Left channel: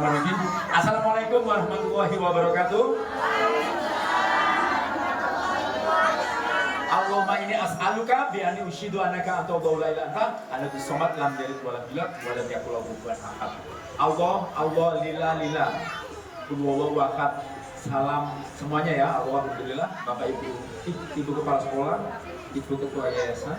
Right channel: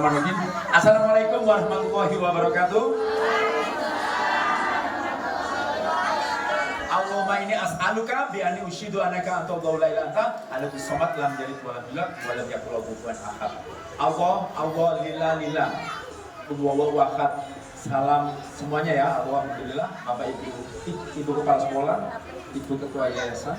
Bismillahirrahmanirrahim. Assalamualaikum warahmatullahi wabarakatuh. Allahumma inni as'aluka bi anni ushidu annaka anta Allahu la ilaha illa anta alladzi samad lam yalid wa lam yulad wa lam yakul lahu kufuwan ahad. Allah lillah. Qul huwallahu ahad. Salam semuanya ya. Alhamdulillah Bapak Ibu kepala sekolah, Ibu ketua yayasan,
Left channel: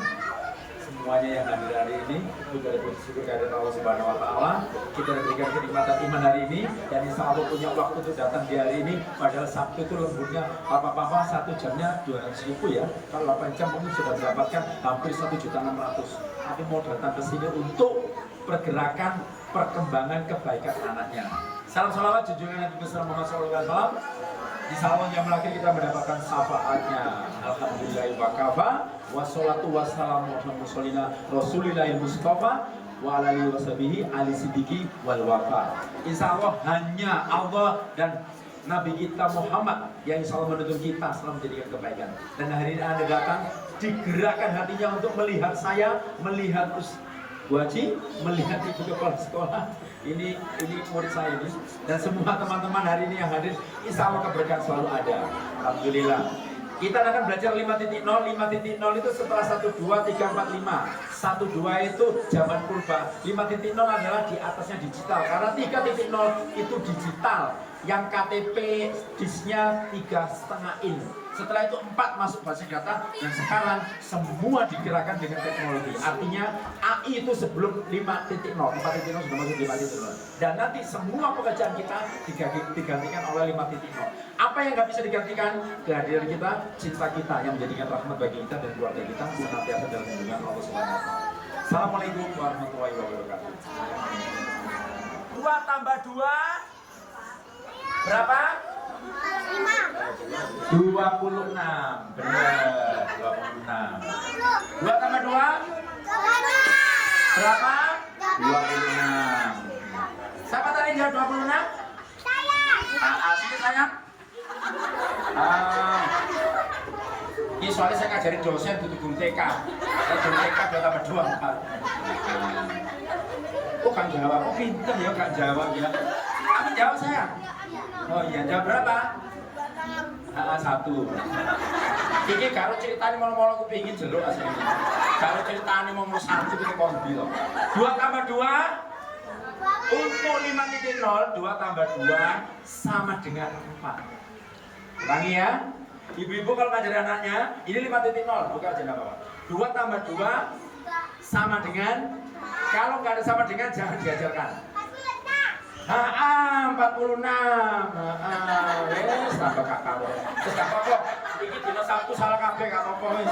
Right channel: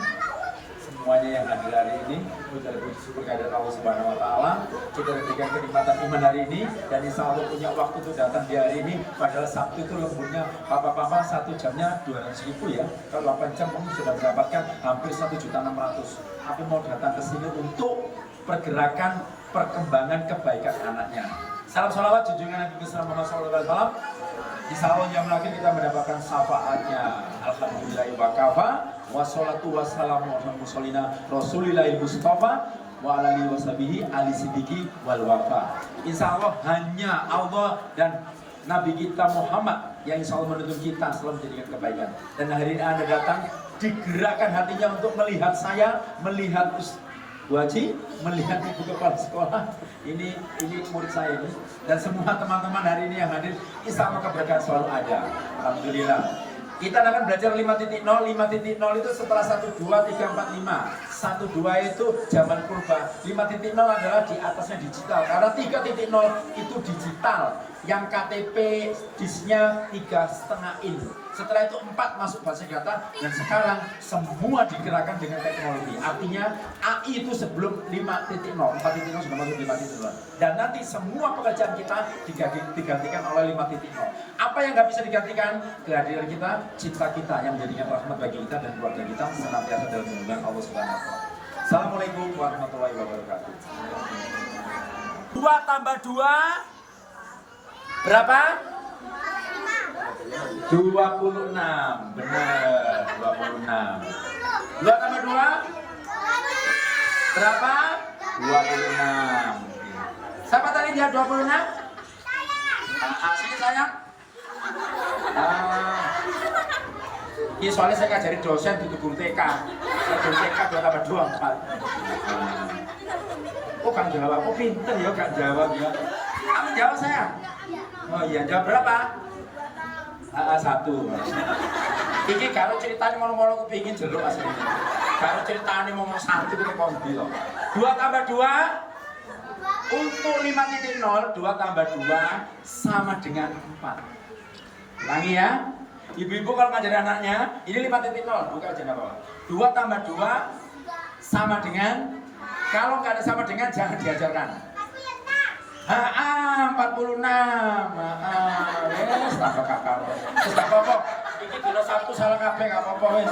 semuanya yang hadir hari ini, kita bersyukur kehadirat Allah Subhanahu wa taala. Kita diberikan kenikmatan iman hari ini dan insya Allah punya waktu untuk datang di hari ini. Padahal Sabtu itu lembutnya Papa 1 jamnya 200.000 ya. Kalau 8 jam mungkin sudah mendapatkan hampir 1.600.000. Tapi mau datang ke sini untuk pergerakan perkembangan kebaikan anaknya. Salam salawat junjungan Nabi Muhammad SAW. Di salon jam lagi kita mendapatkan syafaatnya. Alhamdulillah wa kafa. Wassalatu wassalamu ala mursalina Rasulillahil Mustafa wa ala alihi washabihi ali sidiki wal wafa. Insya Allah hanya Allah dan Nabi kita Muhammad yang insya Allah menuntun kita selalu menjadikan kebaikan. Dan hari ini Anda datang digerakkan hatinya untuk melihat saya, melihat Bu Haji, melihat Ibu kepala sekolah. Ini murid saya ini. Dan semua teman-teman hari ini yang hadir, insya Allah keberkahan selalu ada. Alhamdulillah. Kita akan belajar 5.0. 5.0 itu setelah 1, 2, 3, 4, 5. 1, 2 itu zaman purba. 5.0 adalah di atasnya digital. Karena 3.0 itu digital. Yang KTP disknya 3,5 in. Setelah itu 4 masuk basis data. Dan sekarang semua digerakkan dengan teknologi. Artinya AI itu sebelum 5.0. 4.0 sudah masuk 5.0. Dan nanti semua pekerjaan kita digantikan oleh 5.0. Apa yang nggak bisa digantikan? Kehadiran kita, cinta kita yang menjadikan rahmat bagi kita dan keluarga kita senantiasa dalam lindungan Allah Subhanahu wa taala. Assalamualaikum warahmatullahi wabarakatuh. 2 tambah 2 berapa? 26. Benar, 26. 2 tambah 2 berapa? 26. Siapa tadi jawab 26? Sini sayang. Iya soalnya saya ngajarin dosen di guru TK. Saya guru TK 2 tambah 2 4. Oh kan jawab, oh pinter ya gak jawab ya. Kamu jawab sayang? Oh iya, jawab berapa? 1. Iki karo ceritanya ngomong-ngomong aku pingin jeruk asli. Karo ceritanya ngomong 1 kita kombi loh. 2 tambah 2 untuk 5.0, 2 tambah 2 sama dengan 4. Ulangi ya. Ibu-ibu kalau ngajari anaknya, ini 5.0, buka aja apa-apa. 2 tambah 2 sama dengan, kalau nggak ada sama dengan jangan diajarkan. 46. Wes tambah kakak. Terus tak apa-apa. Iki dino Sabtu salah kabeh gak apa-apa wis.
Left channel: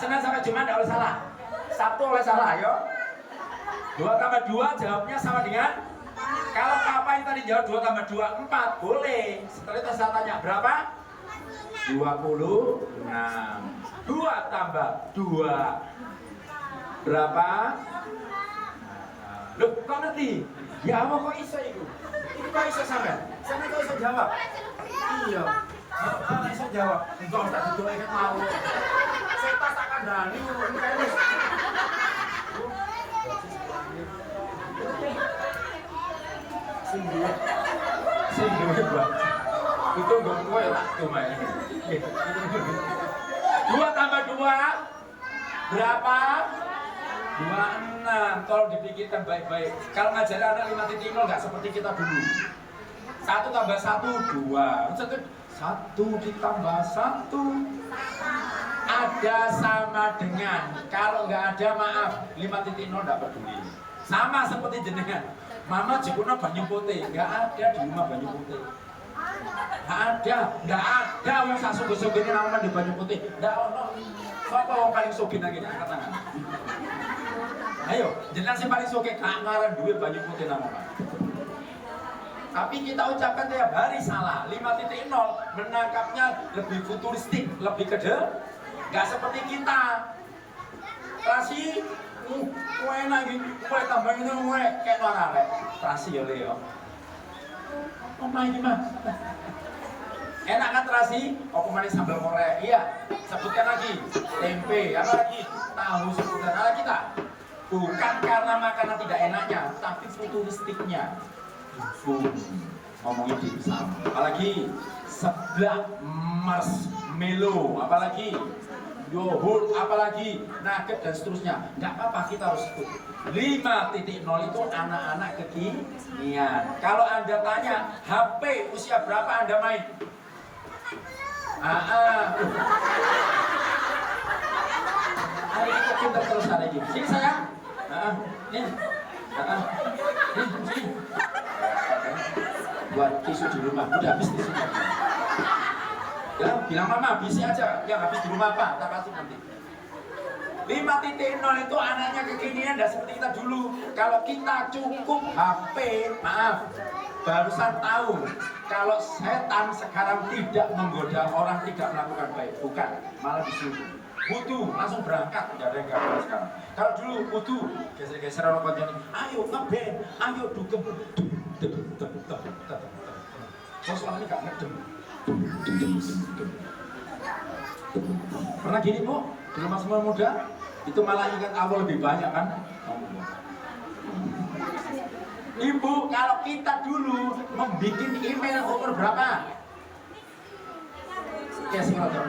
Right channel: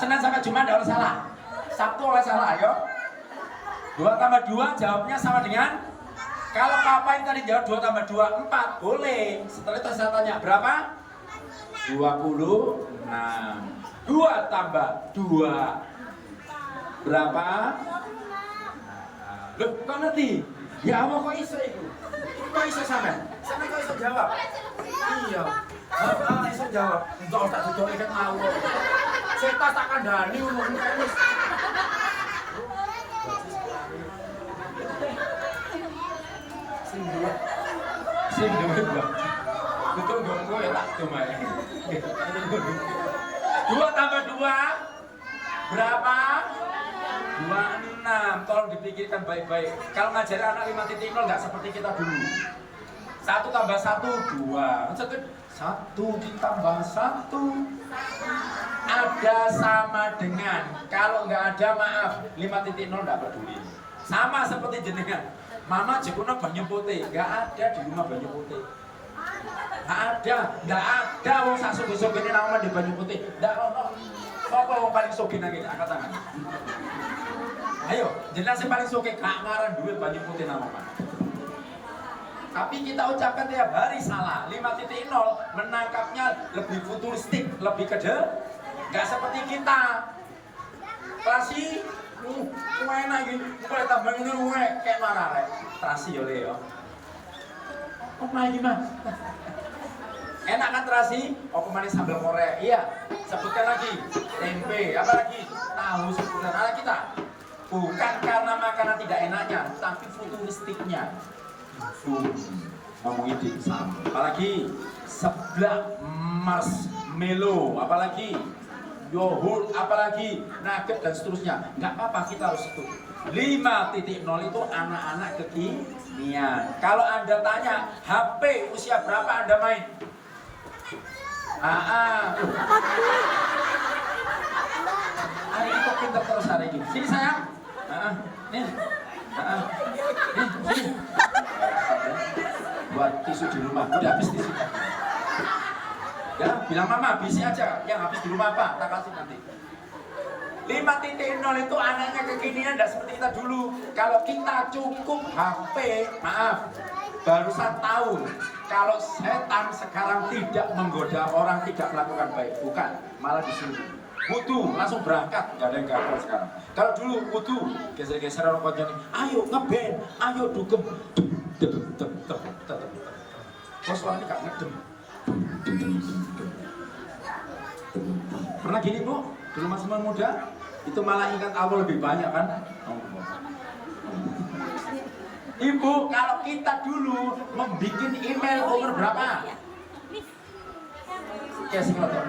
Senin sampai Jumat ndak oleh salah. Sabtu oleh salah, ayo. 2 tambah 2 jawabnya sama dengan, kalau apa yang tadi jawab 2 tambah 2 4 boleh. Setelah itu saya tanya berapa? 26. 2 tambah 2 berapa? Loh, kok ngerti? Ya Allah kok iso itu? Itu kok iso sampe? Sampe kok iso jawab? Iya. Iso jawab. Enggak tak didok ikan mau. Saya tas tak kandhani ngono wis. Sing duwe Pak. Itu nggon kowe tak domae. 2 tambah 2 berapa? 26. Tolong dipikirkan baik-baik. Kalau ngajari anak 5.0 nggak seperti kita dulu. 1 tambah 1 2. 1 ditambah 1 ada sama dengan. Kalau nggak ada maaf 5.0 nggak peduli. Sama seperti jenengan. Mama jikuna banyu putih, nggak ada di rumah banyu putih. Nggak ada. Wong sak subuh-subuh ini nama di banyu putih. Nggak ono. Siapa yang paling sugih nang kene angkat tangan? Ayo, jenengan sing paling sugih gak ngaran duwe banyu putih nama Pak. Tapi kita ucapkan tiap hari salah. 5.0 menangkapnya lebih futuristik, lebih kecil. Nggak seperti kita. Terasi enak iki, kowe tambah ngene kowe kayak marah rek. Terasi yo le yo. Oh my iki mah. Enak kan terasi? Apa manis sambal Korea? Iya. Sebutkan lagi. Tempe, apa lagi? Tahu sebutan ala kita. Bukan karena makanan tidak enaknya, tapi futuristiknya. Ngomongin di pisang. Apalagi seblak marshmallow, apalagi yogurt, apalagi nugget dan seterusnya. Nggak apa-apa, kita harus ikut. 5.0 itu anak-anak kekinian. Kalau Anda tanya HP usia berapa Anda main? Hari itu pintar terus hari ini. Sini sayang. Nih. Sini. Buat tisu di rumah. Udah habis di sini. Ya, bilang mama, bisi aja. Yang habis di rumah apa? Tak kasih nanti. 5.0 itu anaknya kekinian, tidak seperti kita dulu. Kalau kita cukup HP, maaf, barusan tahu kalau setan sekarang tidak menggoda orang tidak melakukan baik, bukan, malah disuruh. Butuh langsung berangkat, nggak ada yang gagal sekarang. Kalau dulu butuh geser-geser orang konjani, ayo ngeband, ayo dugem, terus orangnya nggak ngedem. Pernah gini bu, dulu masih muda, itu malah ingat Allah lebih banyak kan? Ibu, kalau kita dulu membuat email umur berapa? Ya sih ngotor.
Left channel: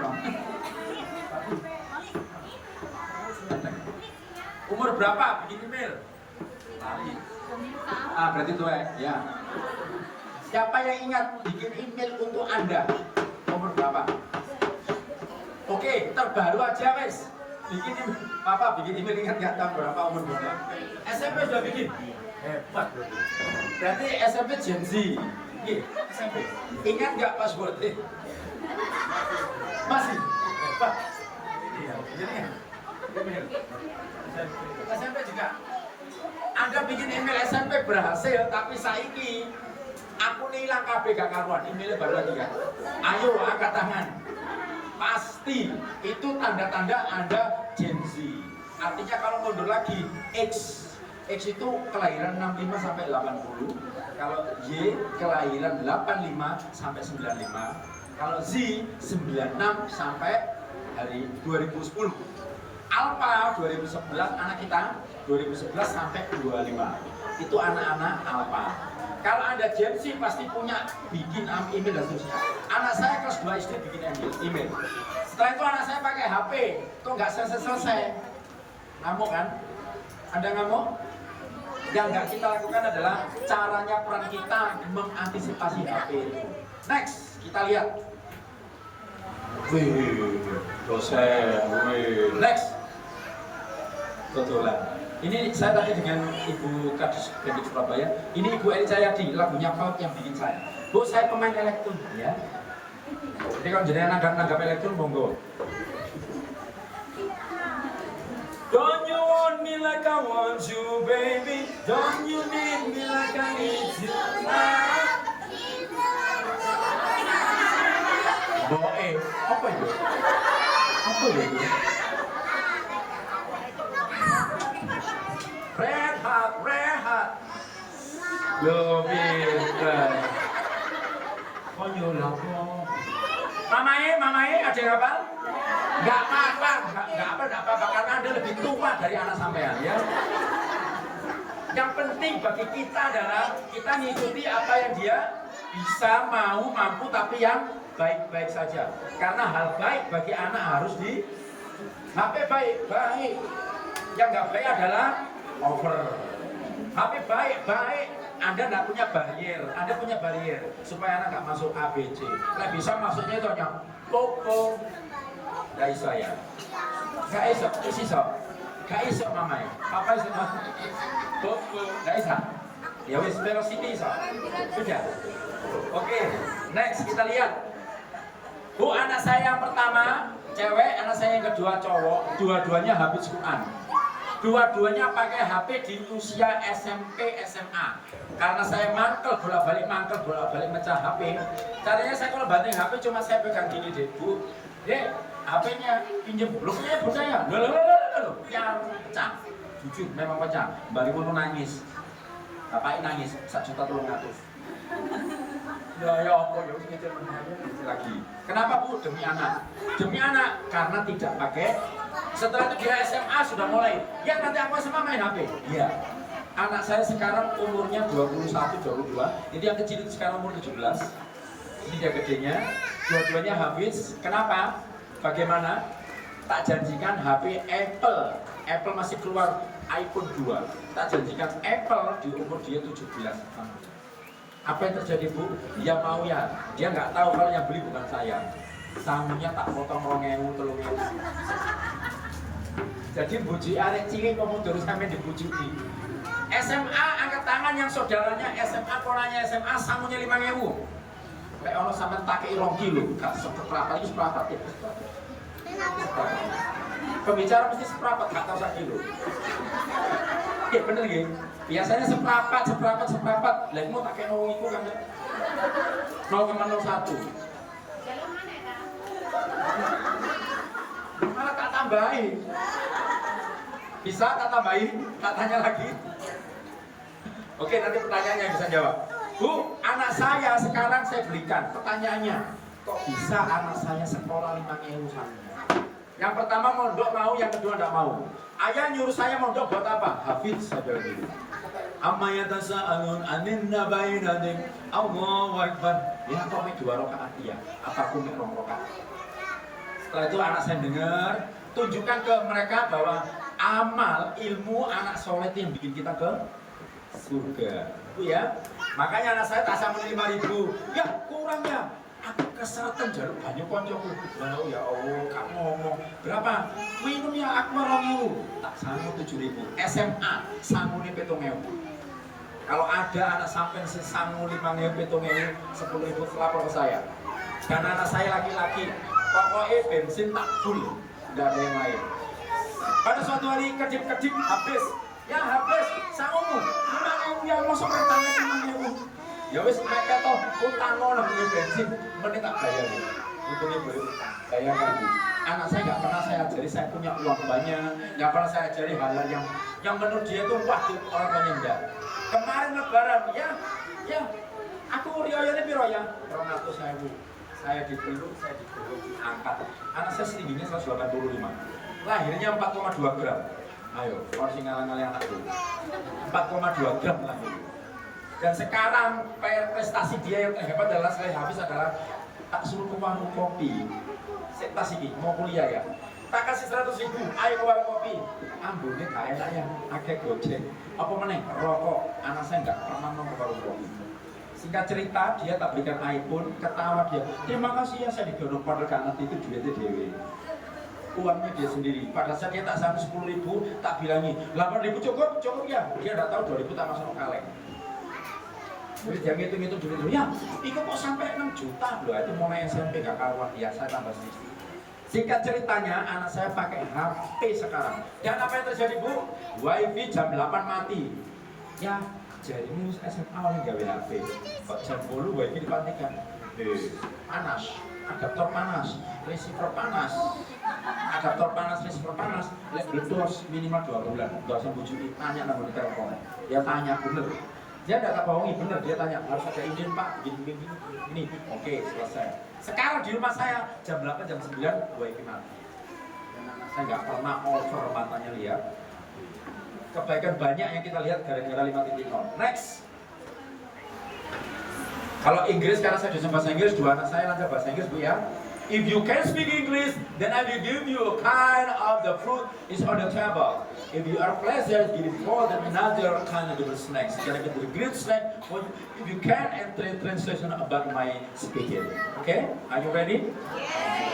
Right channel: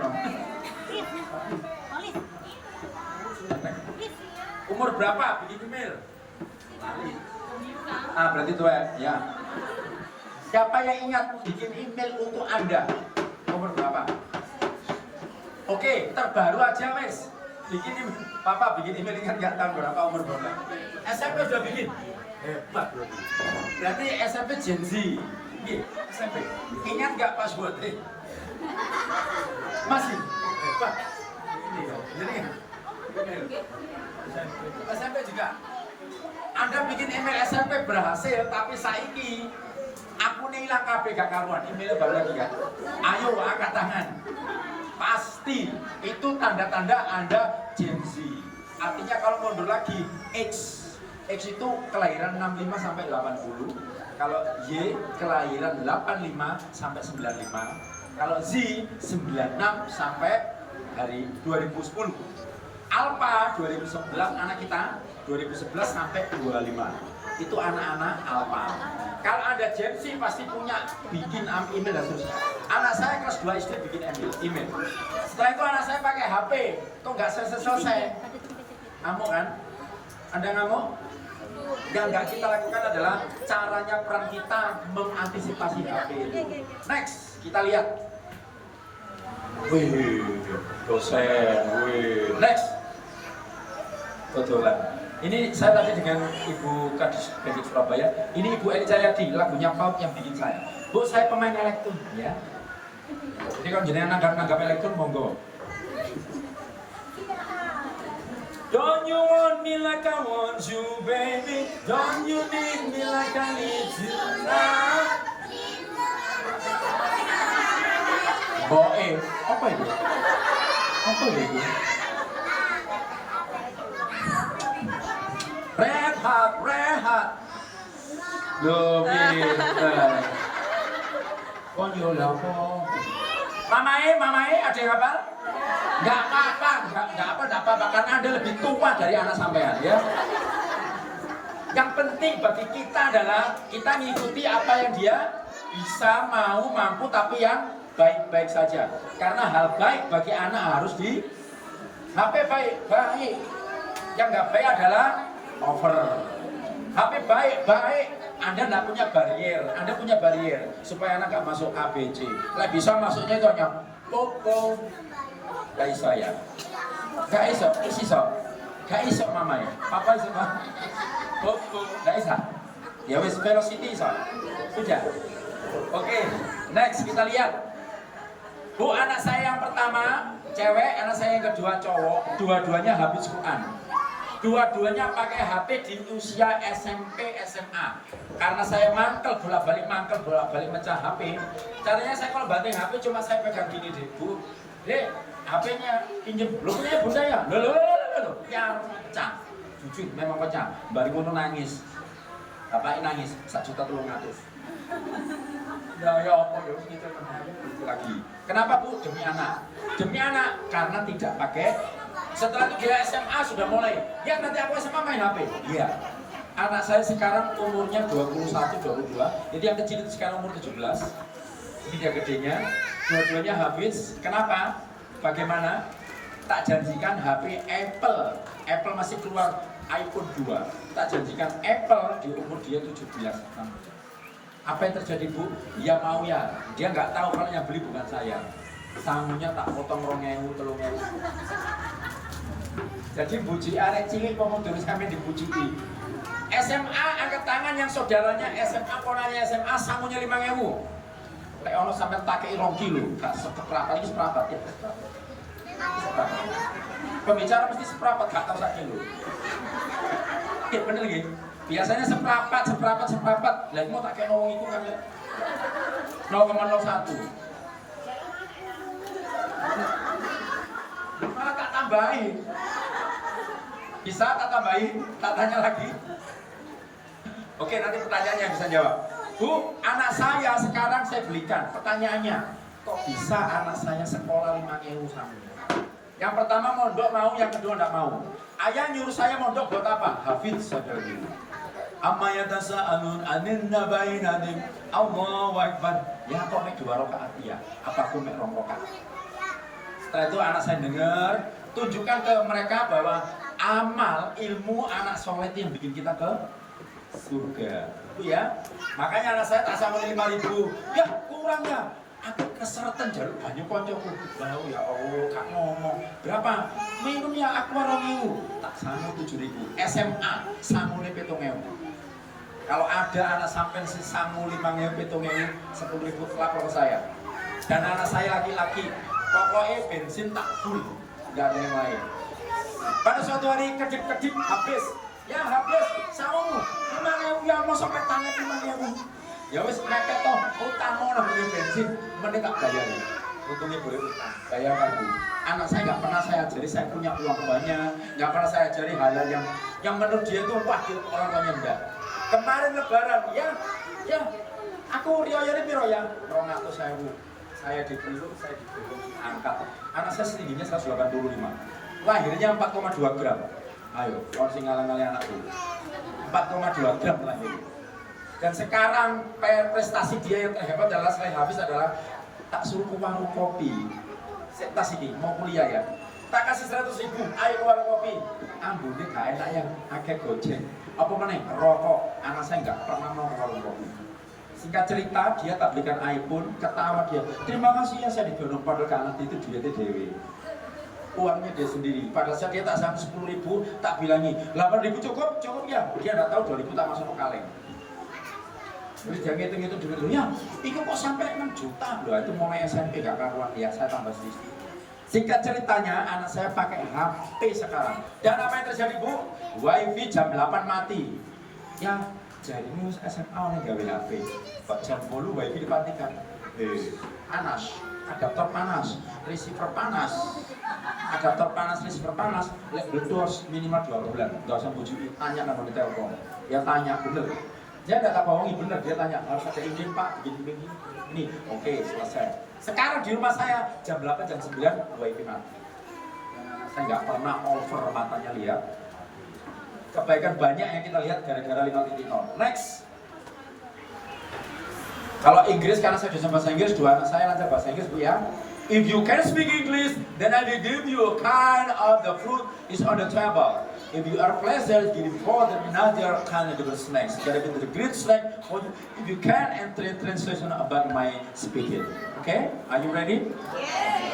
Umur berapa bikin email? Lali. Berarti tua ya. Siapa yang ingat bikin email untuk Anda? Umur berapa? Oke, terbaru aja wes. Bikin email. Papa bikin email ingat nggak tahun berapa, umur berapa? SMP sudah bikin. Hebat. Berarti SMP Gen Z. SMP. Ingat nggak pas birthday? Masih. Hebat. Jadi SMP juga. Anda bikin email SMP berhasil, tapi saiki aku hilang KB gak karuan, emailnya baru lagi kan. Ayo angkat tangan. Pasti itu tanda-tanda Anda Gen Z. Artinya kalau mundur lagi X itu kelahiran 65 sampai 80. Kalau Y kelahiran 85 sampai 95. Kalau Z 96 sampai hari 2010. Alpha 2011 anak kita 2011 sampai 25. Itu anak-anak Alpha. Kalau ada Gen Z pasti punya bikin email dan seterusnya. Anak saya kelas 2 SD bikin email. Setelah itu anak saya pakai HP, kok nggak selesai-selesai. Ngamuk kan? Anda ngamuk? Yang nggak kita lakukan adalah caranya peran kita mengantisipasi HP itu. Next, kita lihat. Wih, dosen, wih. Next, totolan. Ini saya tadi dengan Ibu Kadis Pendik Surabaya. Ini Ibu Eli Cahyadi, lagunya Paut yang bikin saya. Bu, saya pemain elektron ya. Jadi kalau jenengan nanggap elektron, monggo. Don't you want me like I want you, baby? Don't you need me like I need you now? Boe, apa itu? Apa itu? Rehat. Yo, pinter. Kok nyuruh apa? Mamae, ada yang apa? Nggak apa-apa, karena Anda lebih tua dari anak sampean ya. Yang penting bagi kita adalah kita ngikuti apa yang dia bisa, mau, mampu, tapi yang baik-baik saja. Karena hal baik bagi anak harus di HP baik. Yang nggak baik adalah over. HP baik, Anda nggak punya barrier, Anda punya barrier supaya anak nggak masuk ABC. Lah bisa masuknya itu hanya Popo. Gak iso ya, gak iso mama ya, papa iso Popo, gak iso. Ya wis velocity iso, sudah. Oke, next kita lihat. Bu, anak saya yang pertama cewek, anak saya yang kedua cowok, dua-duanya habis Quran. Dua-duanya pakai HP di usia SMP, SMA. Karena saya mangkel bolak-balik mecah HP. Caranya saya kalau banting HP cuma saya pegang gini deh, Bu. Dek, HP-nya pinjem, belum punya bunda ya? Loh, ya pecah. Jujur memang pecah. Mbak Rimono nangis. Bapaknya nangis, 1.300.000. Nah ya apa ya, ini lagi. Kenapa Bu? Demi anak. Karena tidak pakai Setelah itu dia SMA sudah mulai, ya nanti aku SMA main HP. Iya. Anak saya sekarang umurnya 21, 22. Jadi yang kecil itu sekarang umur 17. Ini dia gedenya. Dua-duanya habis. Kenapa? Bagaimana? Tak janjikan HP Apple. Apple masih keluar iPhone 2. Tak janjikan Apple di umur dia 17. Apa yang terjadi, Bu? Ya mau ya. Dia nggak tahu kalau yang beli bukan saya. Sangunya tak potong 2.000, 3.000. Jadi buji arek cilik pemuda sampai dibujuki. SMA angkat tangan yang saudaranya SMA, ponanya SMA, sangunya 5.000. Lek ono sampai tak kei 2 kilo, gak seberapa, ini seberapa ya. Seberapa. Pembicara mesti seberapa, gak tahu 1 kilo. Ya bener gitu. Biasanya seberapa. Lah mau tak kei wong itu kan 0,01. Malah tak tambahin. Bisa tak tambahin? Tak tanya lagi. Oke, nanti pertanyaannya bisa jawab. Bu, anak saya sekarang saya belikan. Pertanyaannya, kok bisa anak saya sekolah 5.000 sama? Yang pertama mondok mau, yang kedua enggak mau. Ayah nyuruh saya mondok buat apa? Hafiz saja gitu. Amma yatasa'alun anin nabain adim. Allahu Akbar. Ya kok mek 2 rakaat ya? Apa aku mek 2 rakaat? Setelah itu anak saya dengar, tunjukkan ke mereka bahwa amal ilmu anak soleh yang bikin kita ke surga. Itu ya. Makanya anak saya tak sama 5.000. Ya kurangnya. Aku keseretan jaluk banyak koncoku. Lalu ya Allah, Kak ngomong berapa? Minumnya aku 2.000. Tak sanggup 7.000. SMA sanggune 7.000. Kalau ada anak sampai sanggup 5.000, 7.000, 10.000 lapor ke saya. Dan anak saya laki-laki, pokoknya bensin tak full, nggak ada yang lain. Pada suatu hari kedip-kedip habis, ya habis, saumu, 5.000 yang mau sampai tangan 5.000. Ya wis mepet toh, utang lah beli bensin, menit tak bayar. Untung ibu utang, bayarkan Bu. Anak saya nggak pernah saya ajari, saya punya uang banyak, nggak pernah saya ajari hal-hal yang menurut dia itu wajib, orang tuanya enggak. Kemarin lebaran, ya, aku rioyoni piro ya, 200.000. Saya dipeluk, saya dipeluk, diangkat. Anak saya setingginya 185. Lahirnya 4,2 gram. Ayo, kalau sing ngalang-ngalang anak itu 4,2 gram lahir. Dan sekarang prestasi dia yang terhebat adalah selain habis adalah tak suruh ke warung kopi. Tas ini mau kuliah ya. Tak kasih 100.000, ayo ke warung kopi. Ambune gak enak ya, agak gojek. Apa meneh? Rokok. Anak saya nggak pernah mau ke warung kopi. Singkat cerita, dia tak belikan iPhone, ketawa dia. Terima kasih ya saya didorong padahal karena itu duitnya dewe. Uangnya dia sendiri. Pada saat dia tak sampai 10.000, tak bilangi 8.000 cukup ya. Dia tidak tahu 2.000 tak masuk kaleng. Jadi dia ngitung-ngitung duit dulu ya. Itu kok sampai 6 juta loh. Itu mulai SMP gak karuan. Ya saya tambah sedikit. Singkat ceritanya, anak saya pakai HP sekarang. Dan apa yang terjadi Bu? WiFi jam 8 mati. Ya. Jadi ini SMA yang gawe HP. Kok jam 10 WiFi dimatikan. Panas, adaptor panas, receiver panas. Adaptor panas, receiver panas. Lek bledos minimal 2 bulan. Enggak usah bujuki, tanya nama di telepon. Ya tanya bener. Dia enggak tak bohongi bener, dia tanya, "Harus ada izin Pak, gini-gini." Ini, oke, selesai. Sekarang di rumah saya jam 8, jam 9 WiFi mati. Dan anak saya nggak pernah over matanya lihat. Kebaikan banyak yang kita lihat gara-gara 5.0. Next. Kalau Inggris, karena saya dosen bahasa Inggris, 2 anak saya lancar bahasa Inggris Bu ya. If you can speak English, then I will give you a kind of the fruit is on the table. If you are pleasure, give for them another kind of the snacks. Jadi the great snack. If you can, and translation about my speaking. Okay? Are you ready?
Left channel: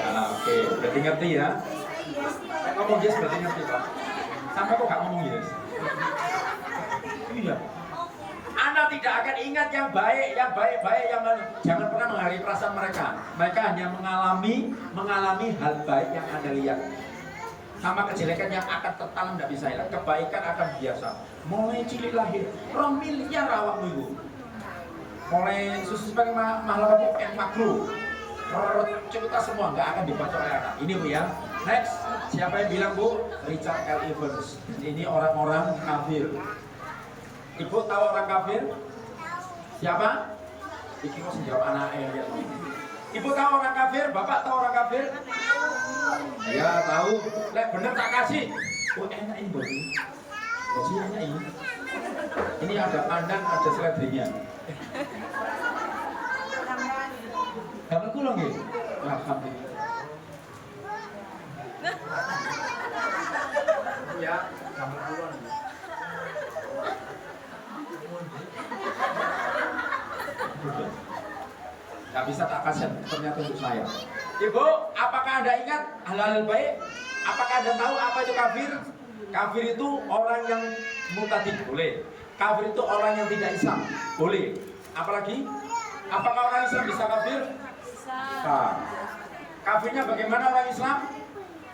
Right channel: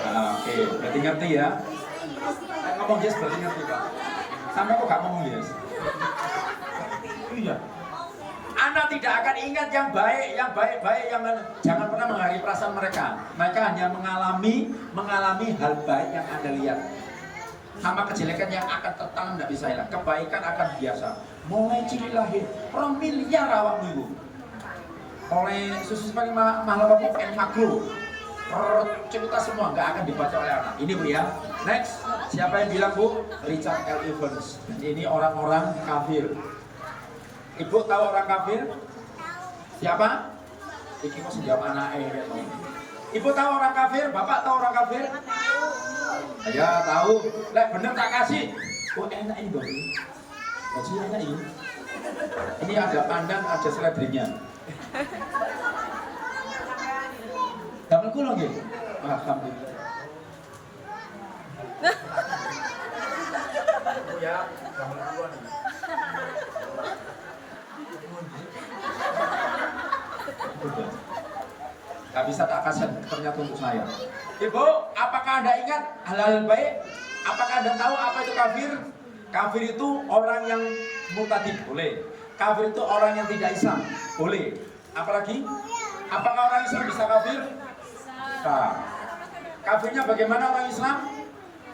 Oke, berarti ngerti ya. Ngomong Inggris berarti ngerti Pak. Sampai kok gak ngomong Inggris? Iya. Anda tidak akan ingat yang baik, yang jangan pernah menghargai perasaan mereka. Mereka hanya mengalami hal baik yang Anda lihat. Sama kejelekan yang akan tertanam tidak bisa hilang. Kebaikan akan biasa. Mulai cilik lahir, 2 miliar awakmu ibu. Mulai susu paling mahal apa makro. Cerita semua nggak akan dibaca oleh anak. Ini Bu ya. Next, siapa yang bilang Bu? Richard L. Evans. Ini orang-orang kafir. Ibu tahu orang kafir? Siapa? Iki mau sejauh anaknya. Ibu tahu orang kafir? Bapak tahu orang kafir? Ya tahu. Lek bener tak kasih. Oh enak ini baju. Baju enak ini. Ini ada pandan, ada seledrinya. Kamu kulo nggih. Alhamdulillah. Ya, kamu kulo nih. Gak bisa tak kasih ternyata untuk saya. Ibu, apakah Anda ingat hal-hal baik? Apakah Anda tahu apa itu kafir? Kafir itu orang yang murtad, boleh. Kafir itu orang yang tidak Islam, boleh. Apalagi? Apakah orang Islam bisa kafir? Bisa. Kafirnya bagaimana orang Islam?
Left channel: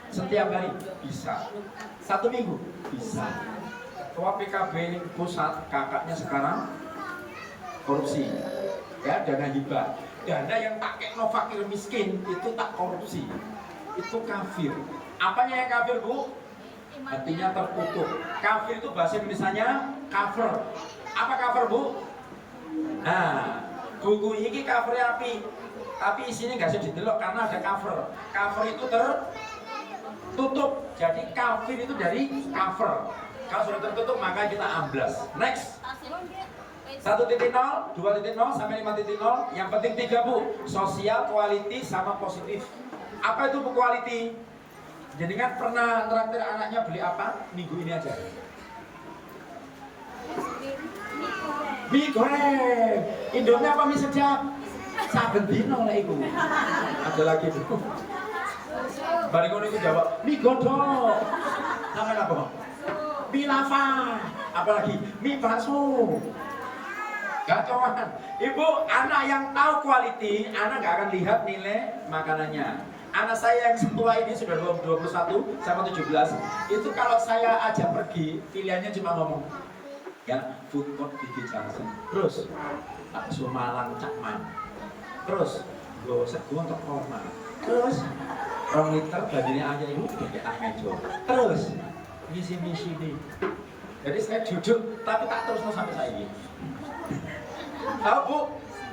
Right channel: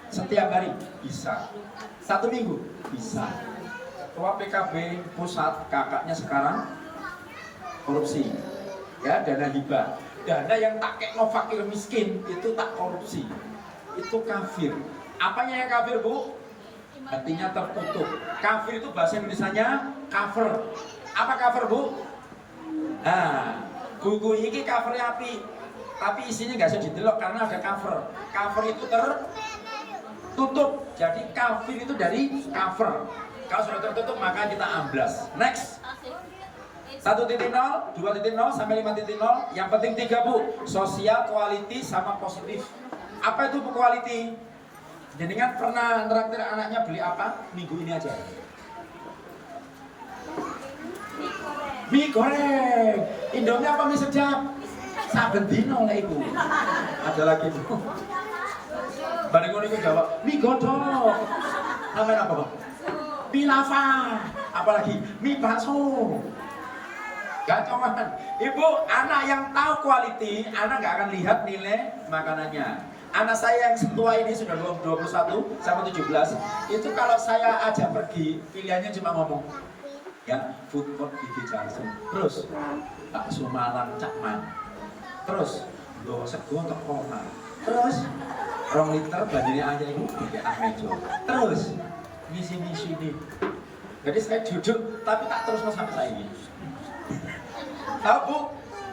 Setiap hari bisa. 1 minggu bisa. Ketua PKB pusat kakaknya sekarang korupsi. Ya, dana hibah. Dana yang tak kekno fakir miskin itu tak korupsi, itu kafir. Apanya yang kafir bu? Hatinya tertutup. Kafir itu bahasa Indonesianya cover. Apa cover bu? Nah, buku ini covernya api, tapi isinya nggak bisa didelok karena ada cover. Cover itu tertutup. Jadi kafir itu dari cover. Kalau sudah tertutup maka kita amblas. Next. 1.0, 2.0 sampai 5.0. Yang penting 3 bu, sosial, quality, sama positif. Apa itu bu quality? Jadi kan pernah neraktir anaknya beli apa? Minggu ini aja. Mie goreng. Indomie apa mie sedap? Saben dino lah iku. Ada lagi bu. Balik ngono iku jawab, mie godhog. Sampai apa? Mie lava. Apalagi mie bakso. Gacoan. Ibu, anak yang tahu quality, anak nggak akan lihat nilai makanannya. Anak saya yang setua ini sudah 21 sama 17, itu kalau saya ajak pergi, pilihannya cuma ngomong, ya food court di Jakarta, terus bakso Malang Cakman, terus gue sego untuk corona, terus 2 liter bajunya aja ibu, tidak mejo, terus misi. Jadi saya duduk, tapi tak terus sampai saya ini. Tahu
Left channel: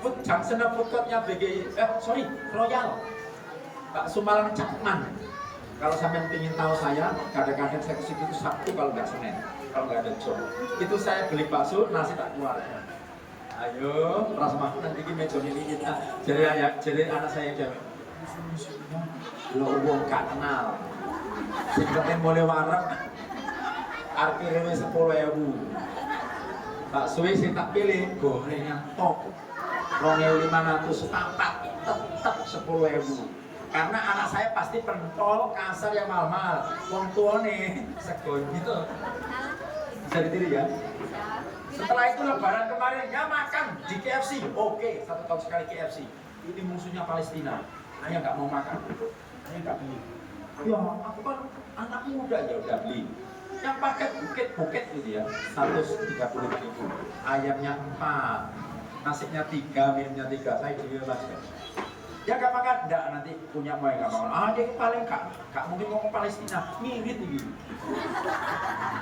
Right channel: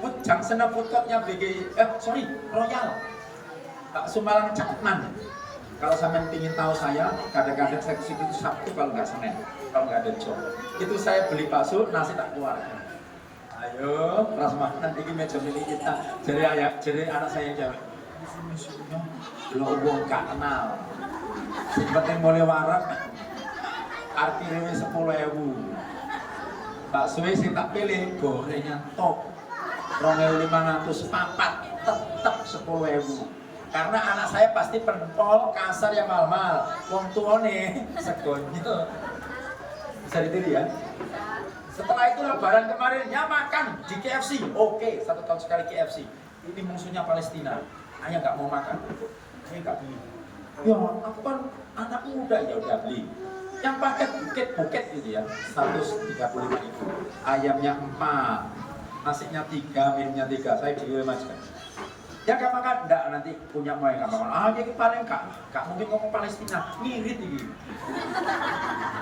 bu, jam sana food courtnya BGI, Royal, bakso Malang Cakman. Kalau sampai ingin tahu saya, kadang-kadang saya ke situ Sabtu kalau nggak Senin, kalau nggak ada job. Itu saya beli bakso, nasi tak keluarkan. Ayo, ras makan ini meja milik kita. Jadi anak saya jawab, lo uang gak kenal. Si penting mulai warak, parkirnya 10.000. Bakso sing tak pilih gorengnya top 2.500 sepapat tetap 10.000 karena anak saya pasti pentol kasar yang mahal-mahal wong tua nih sego gitu bisa ditiru ya. Setelah itu lebaran kemarin ya makan di KFC. Oke, 1 tahun sekali KFC. Ini musuhnya Palestina, ayah nggak mau makan, saya nggak beli. Ya aku kan anak muda, ya udah beli yang paket buket gitu ya, 135.000. Ayamnya 4, nasinya 3, minumnya 3. Saya beli mas. Ya gak makan, enggak nanti punya mau yang gak makan. Dia paling gak mungkin ngomong Palestina, ngirit ini.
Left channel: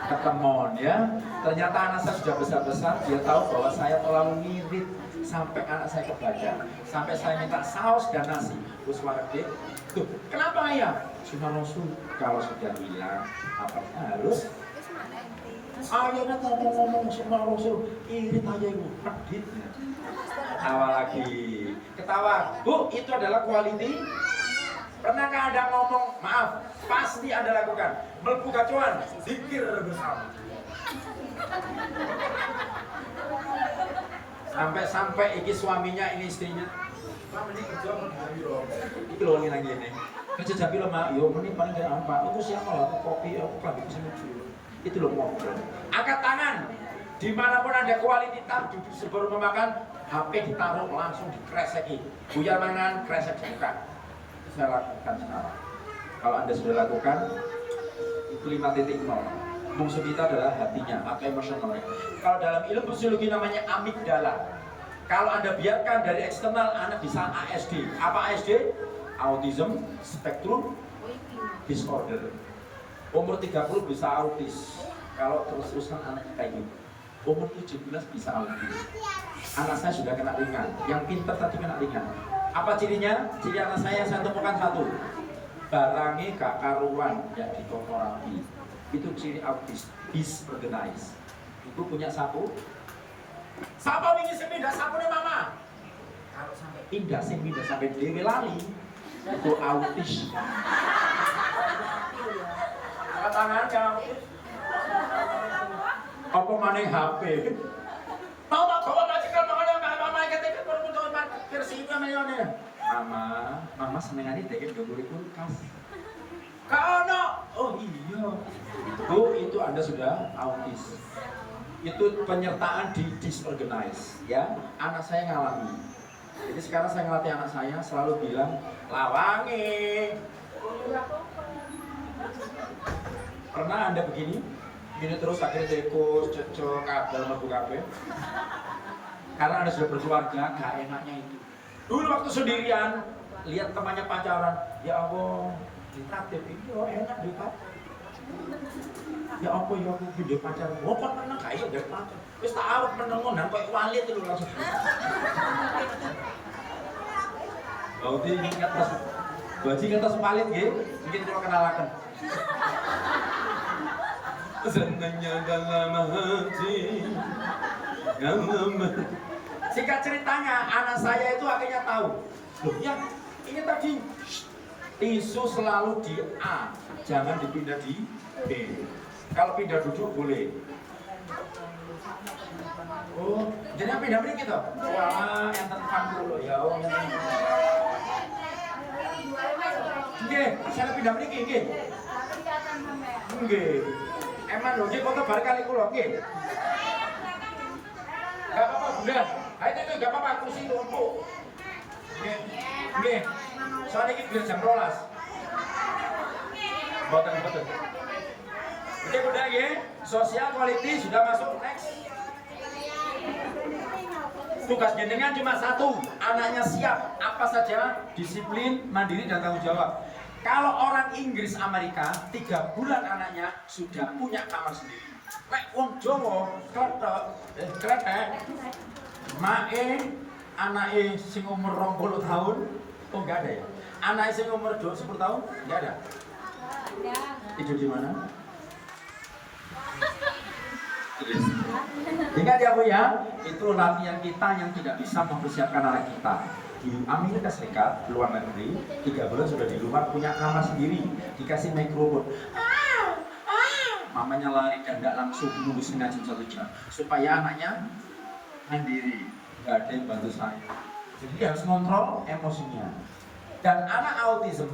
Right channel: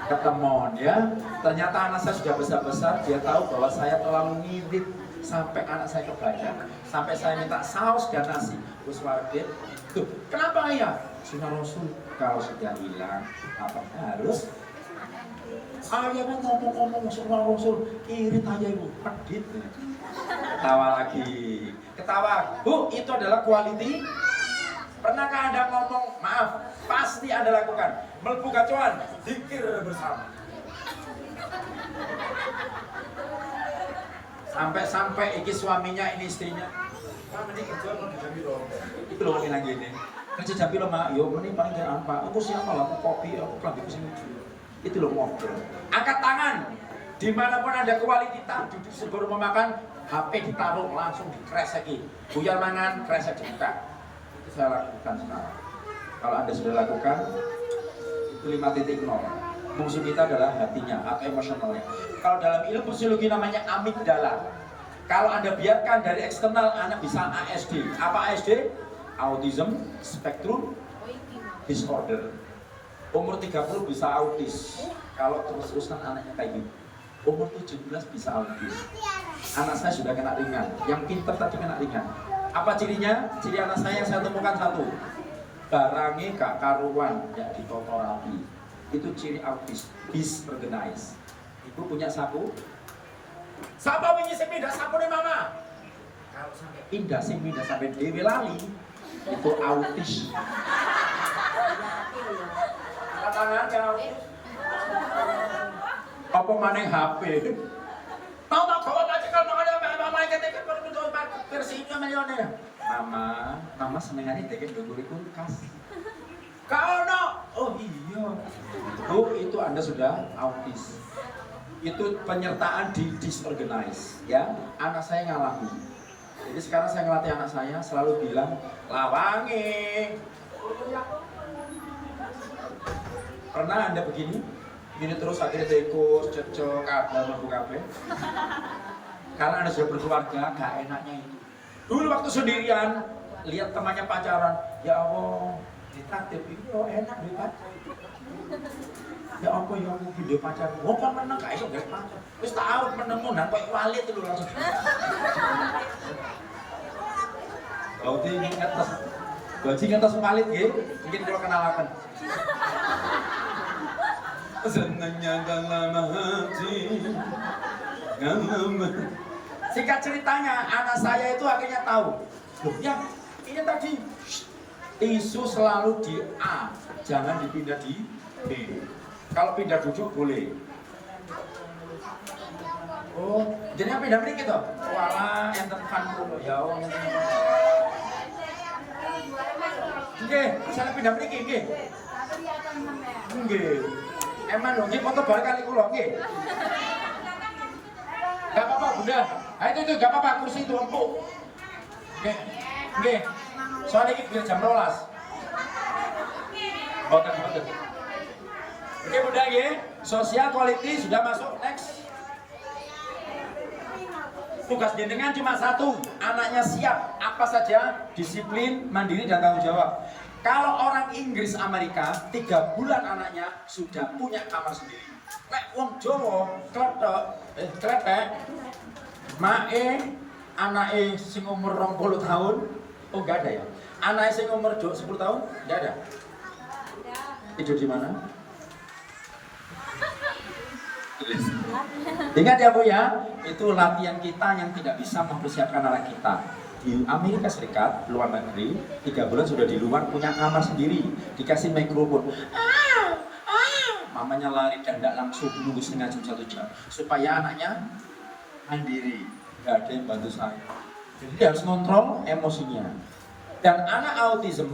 Ketemuan ya, ternyata anak saya sudah besar-besar, dia tahu bahwa saya terlalu ngirit. Sampai anak saya kebaca, sampai saya minta saus dan nasi. Terus warga, tuh kenapa ayah? Sunnah Rasul, kalau sudah hilang apa harus ayahnya ngomong Sunnah Rasul, irit aja ibu, pedit. Ketawa lagi, ketawa. Bu, itu adalah quality. Pernahkah Anda ngomong, maaf, pasti Anda lakukan, melbu gacuan, zikir bersama. Sampai iki suaminya, ini istrinya. Mak, ini kerja mau dijambi loh. Itu loh yang lagi ini. Kerja jambi loh mak, yo ini paling dari apa? Aku siapa lah, aku kopi, aku lagi kesini dulu. Itu loh ngobrol. Angkat tangan. Dimanapun ada kualitas, duduk sebelum memakan, HP ditaruh langsung dikreseki. Buyar mangan, kresek dibuka. Itu saya lakukan sekarang. Kalau Anda sudah lakukan, itu 5.0. Musuh kita adalah hatinya atau emosionalnya. Kalau dalam ilmu psikologi namanya amigdala. Kalau Anda biarkan dari eksternal, anak bisa ASD. Apa ASD? Autism Spectrum Disorder. Umur 30 bisa autis. Kalau terus-terusan anaknya kayak gitu. Umur 17 bisa autis. Anak saya sudah kena ringan. Yang pintar tadi kena ringan. Apa cirinya? Ciri anak saya temukan satu. barangnya gak karuan yang ditoto rapi. Itu ciri autis, disorganized. Ibu punya sapu? Siapa wingi sing pindah sapu nih mama? Kalau sampai pindah sampai dewe lali, itu autis. Angkat tangan jauh. Apa maning HP? Mau tak gawa majikan mama ketek perlu versi itu mayone. Mama senengane deket ndungure kulkas. Kau no, oh iya. Bu, itu Anda sudah autis. Itu penyertaan di disorganized, ya. Anak saya ngalami. Jadi sekarang saya ngelatih anak saya selalu bilang lawangi. Pernah Anda begini? Ini terus akhirnya tikus, cocok, kabel, mampu kabel. Karena Anda sudah berkeluarga, gak enaknya itu. Dulu waktu sendirian, lihat temannya pacaran, ya Allah, ditraktir, iya enak di pacar. Ya apa ya aku gede pacar. Oh kan menang gak iso gak pacar. Wis tak arep meneng ngonan koyo wali itu lho langsung. Berarti ingat pas bajingan tas malit nggih, mungkin kalau kenalaken. Senangnya dalam hati. Singkat ceritanya, anak saya itu akhirnya tahu. Loh ya, ini tadi tisu selalu di A, jangan dipindah di B. Kalau pindah duduk boleh. Oh, jadi pindah ini gitu. Walah, yang tekan dulu ya, yang tekan. Oke, saya pindah ini oke. Oke. Emang loh, foto balik kali kulo, oke. Gak apa-apa, Bunda. Ayo itu gak apa-apa, kursi itu empuk. Oke. Soalnya ini biar jam 12. Betul. Oke Bunda, sosial quality sudah masuk, next. Tugas jenengan cuma satu, anaknya siap apa saja, disiplin, mandiri dan tanggung jawab. Kalau orang Inggris Amerika, 3 bulan anaknya sudah punya kamar sendiri. Lek wong Jawa, kletek, mae, anake sing umur 20 tahun, oh enggak ada ya. Anake sing umur 10 tahun, enggak ada. Tidur di mana? Ingat ya Bu ya, itu latihan kita yang tidak bisa mempersiapkan anak kita. Di Amerika Serikat, luar negeri, 3 bulan sudah di luar punya kamar sendiri, dikasih mikrofon. Mamanya lari dan tidak langsung menunggu setengah jam 1 jam, supaya anaknya mandiri, nggak ada yang bantu saya. Jadi dia harus kontrol emosinya. Dan anak autism,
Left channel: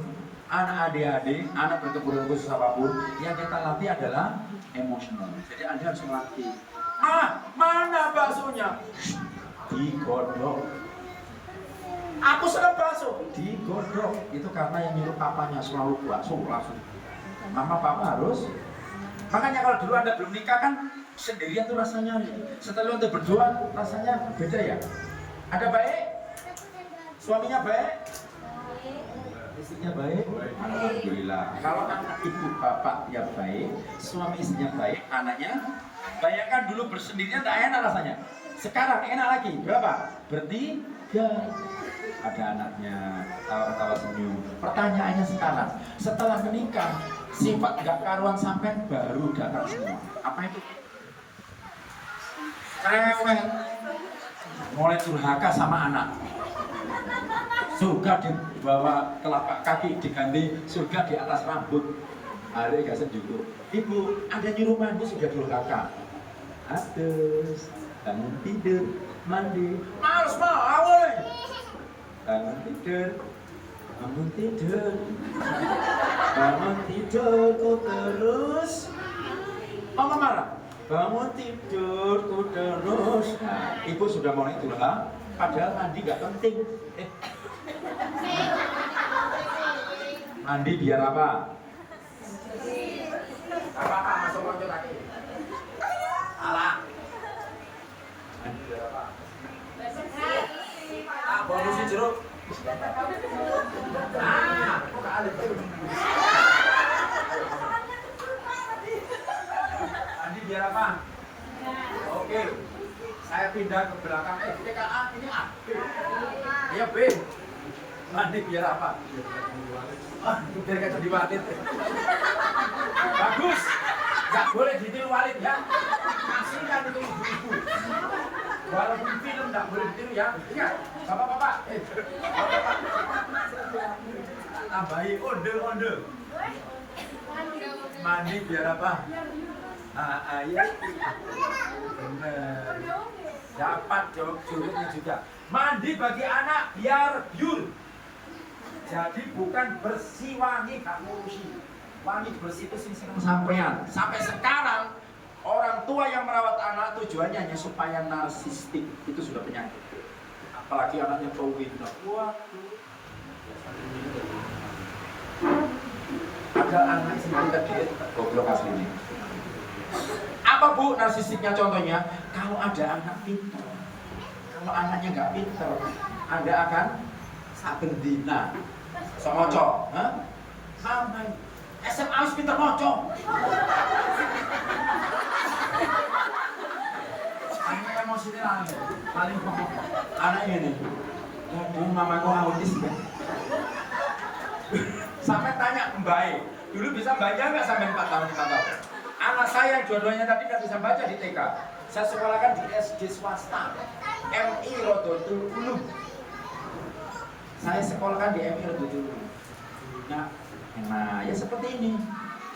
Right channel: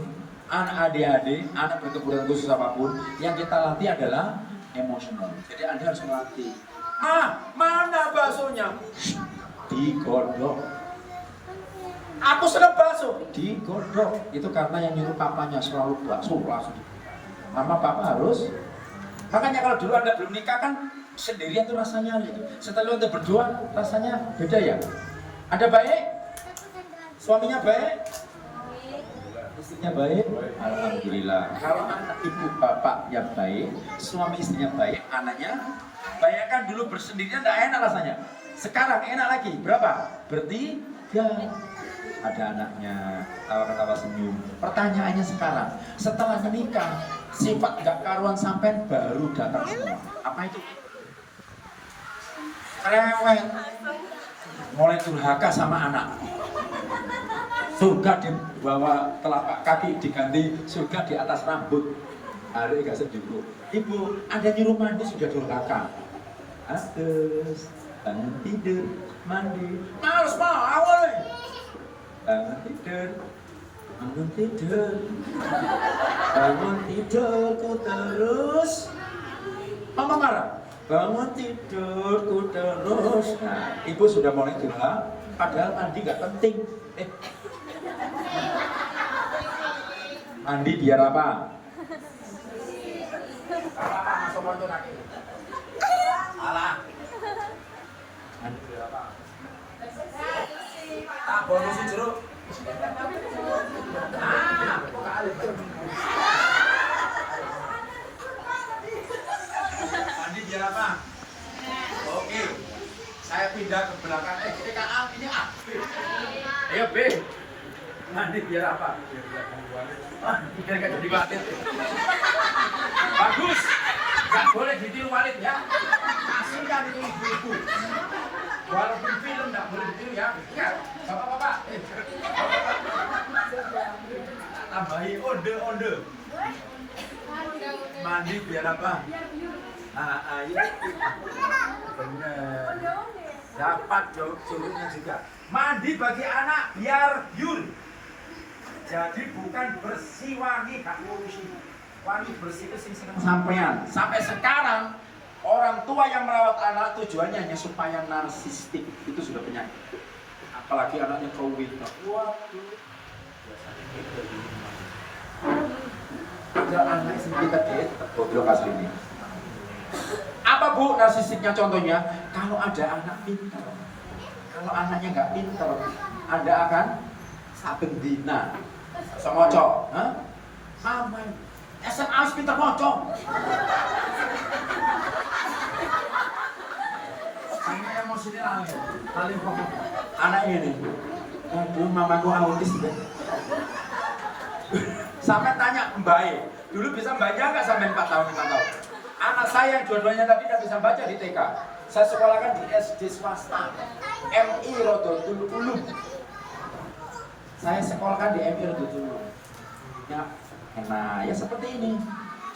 anak ADHD, anak berkebutuhan khusus apapun, yang kita latih adalah emosional. Jadi Anda harus melatih. Mana baksonya? Digodok. Aku seneng bakso. Digodok. Itu karena yang nyuruh papanya selalu bakso langsung. Mama papa harus. Makanya kalau dulu Anda belum nikah kan sendirian tuh rasanya. Setelah Anda berdua rasanya beda ya. Anda baik? Suaminya baik? Istrinya baik? Alhamdulillah. Kalau anak ibu bapak yang baik, suami istrinya baik, anaknya bayangkan dulu bersendirian tak enak rasanya. Sekarang enak lagi. Berapa? Bertiga. Ada anaknya, tawa-tawa senyum. Pertanyaannya sekarang, setelah menikah, sifat gak karuan sampai baru datang semua. Apa itu? Rewel. Mulai durhaka sama anak. Surga di bawah telapak kaki diganti surga di atas rambut. Ada gak sejuk. Ibu, Anda nyuruh mandi sudah durhaka. Aduh, bangun tidur, mandi. Males mau nih. Bangun tidur, bangun tidurku terus. Mama marah. Bangun tidurku terus. Nah, ibu sudah mulai durhaka. Padahal mandi gak penting. Mandi biar apa? Apa masuk konco kaki? Alah. Mandi biar apa? Bonus jeruk. Mandi biar apa? Oke. Saya pindah ke belakang. Ketika A, ini A, B. Ayo B. Mandi biar apa? Biar Biar gak jadi Walid. Bagus. Gak boleh ditiru Walid ya. Kasihkan itu ibu-ibu. Walaupun film gak boleh ditiru ya. Ingat, bapak-bapak. Bapak-bapak. Tambahi onde-onde. Mandi biar apa? Ayo. Bener. Dapat jawab sulitnya juga. Mandi bagi anak biar biur. Jadi bukan bersih wangi, gak ngurusi. Wangi bersih itu sing seneng sampean. Sampai sekarang orang tua yang merawat anak tujuannya hanya supaya narsistik. Itu sudah penyakit. Apalagi anaknya kowita. Waduh. Ada anak sing pinter dhewe goblok asline. Apa Bu narsistiknya contohnya? Kalau ada anak pinter. Kalau anaknya nggak pinter, Anda akan saben dina semoco, Mama, SMA wis pinter moco. Hanya emosional nih, paling pokok. Anak ini, aduh mamaku autis ya. Sampai tanya Mbak, dulu bisa baca nggak sampai 4 tahun 5 tahun? Anak saya dua-duanya tadi tidak bisa baca di TK. Saya sekolahkan di SD swasta, MI Rodotul Ulum. Saya sekolahkan di MI Rodotul Ulum. Nah, ya seperti ini.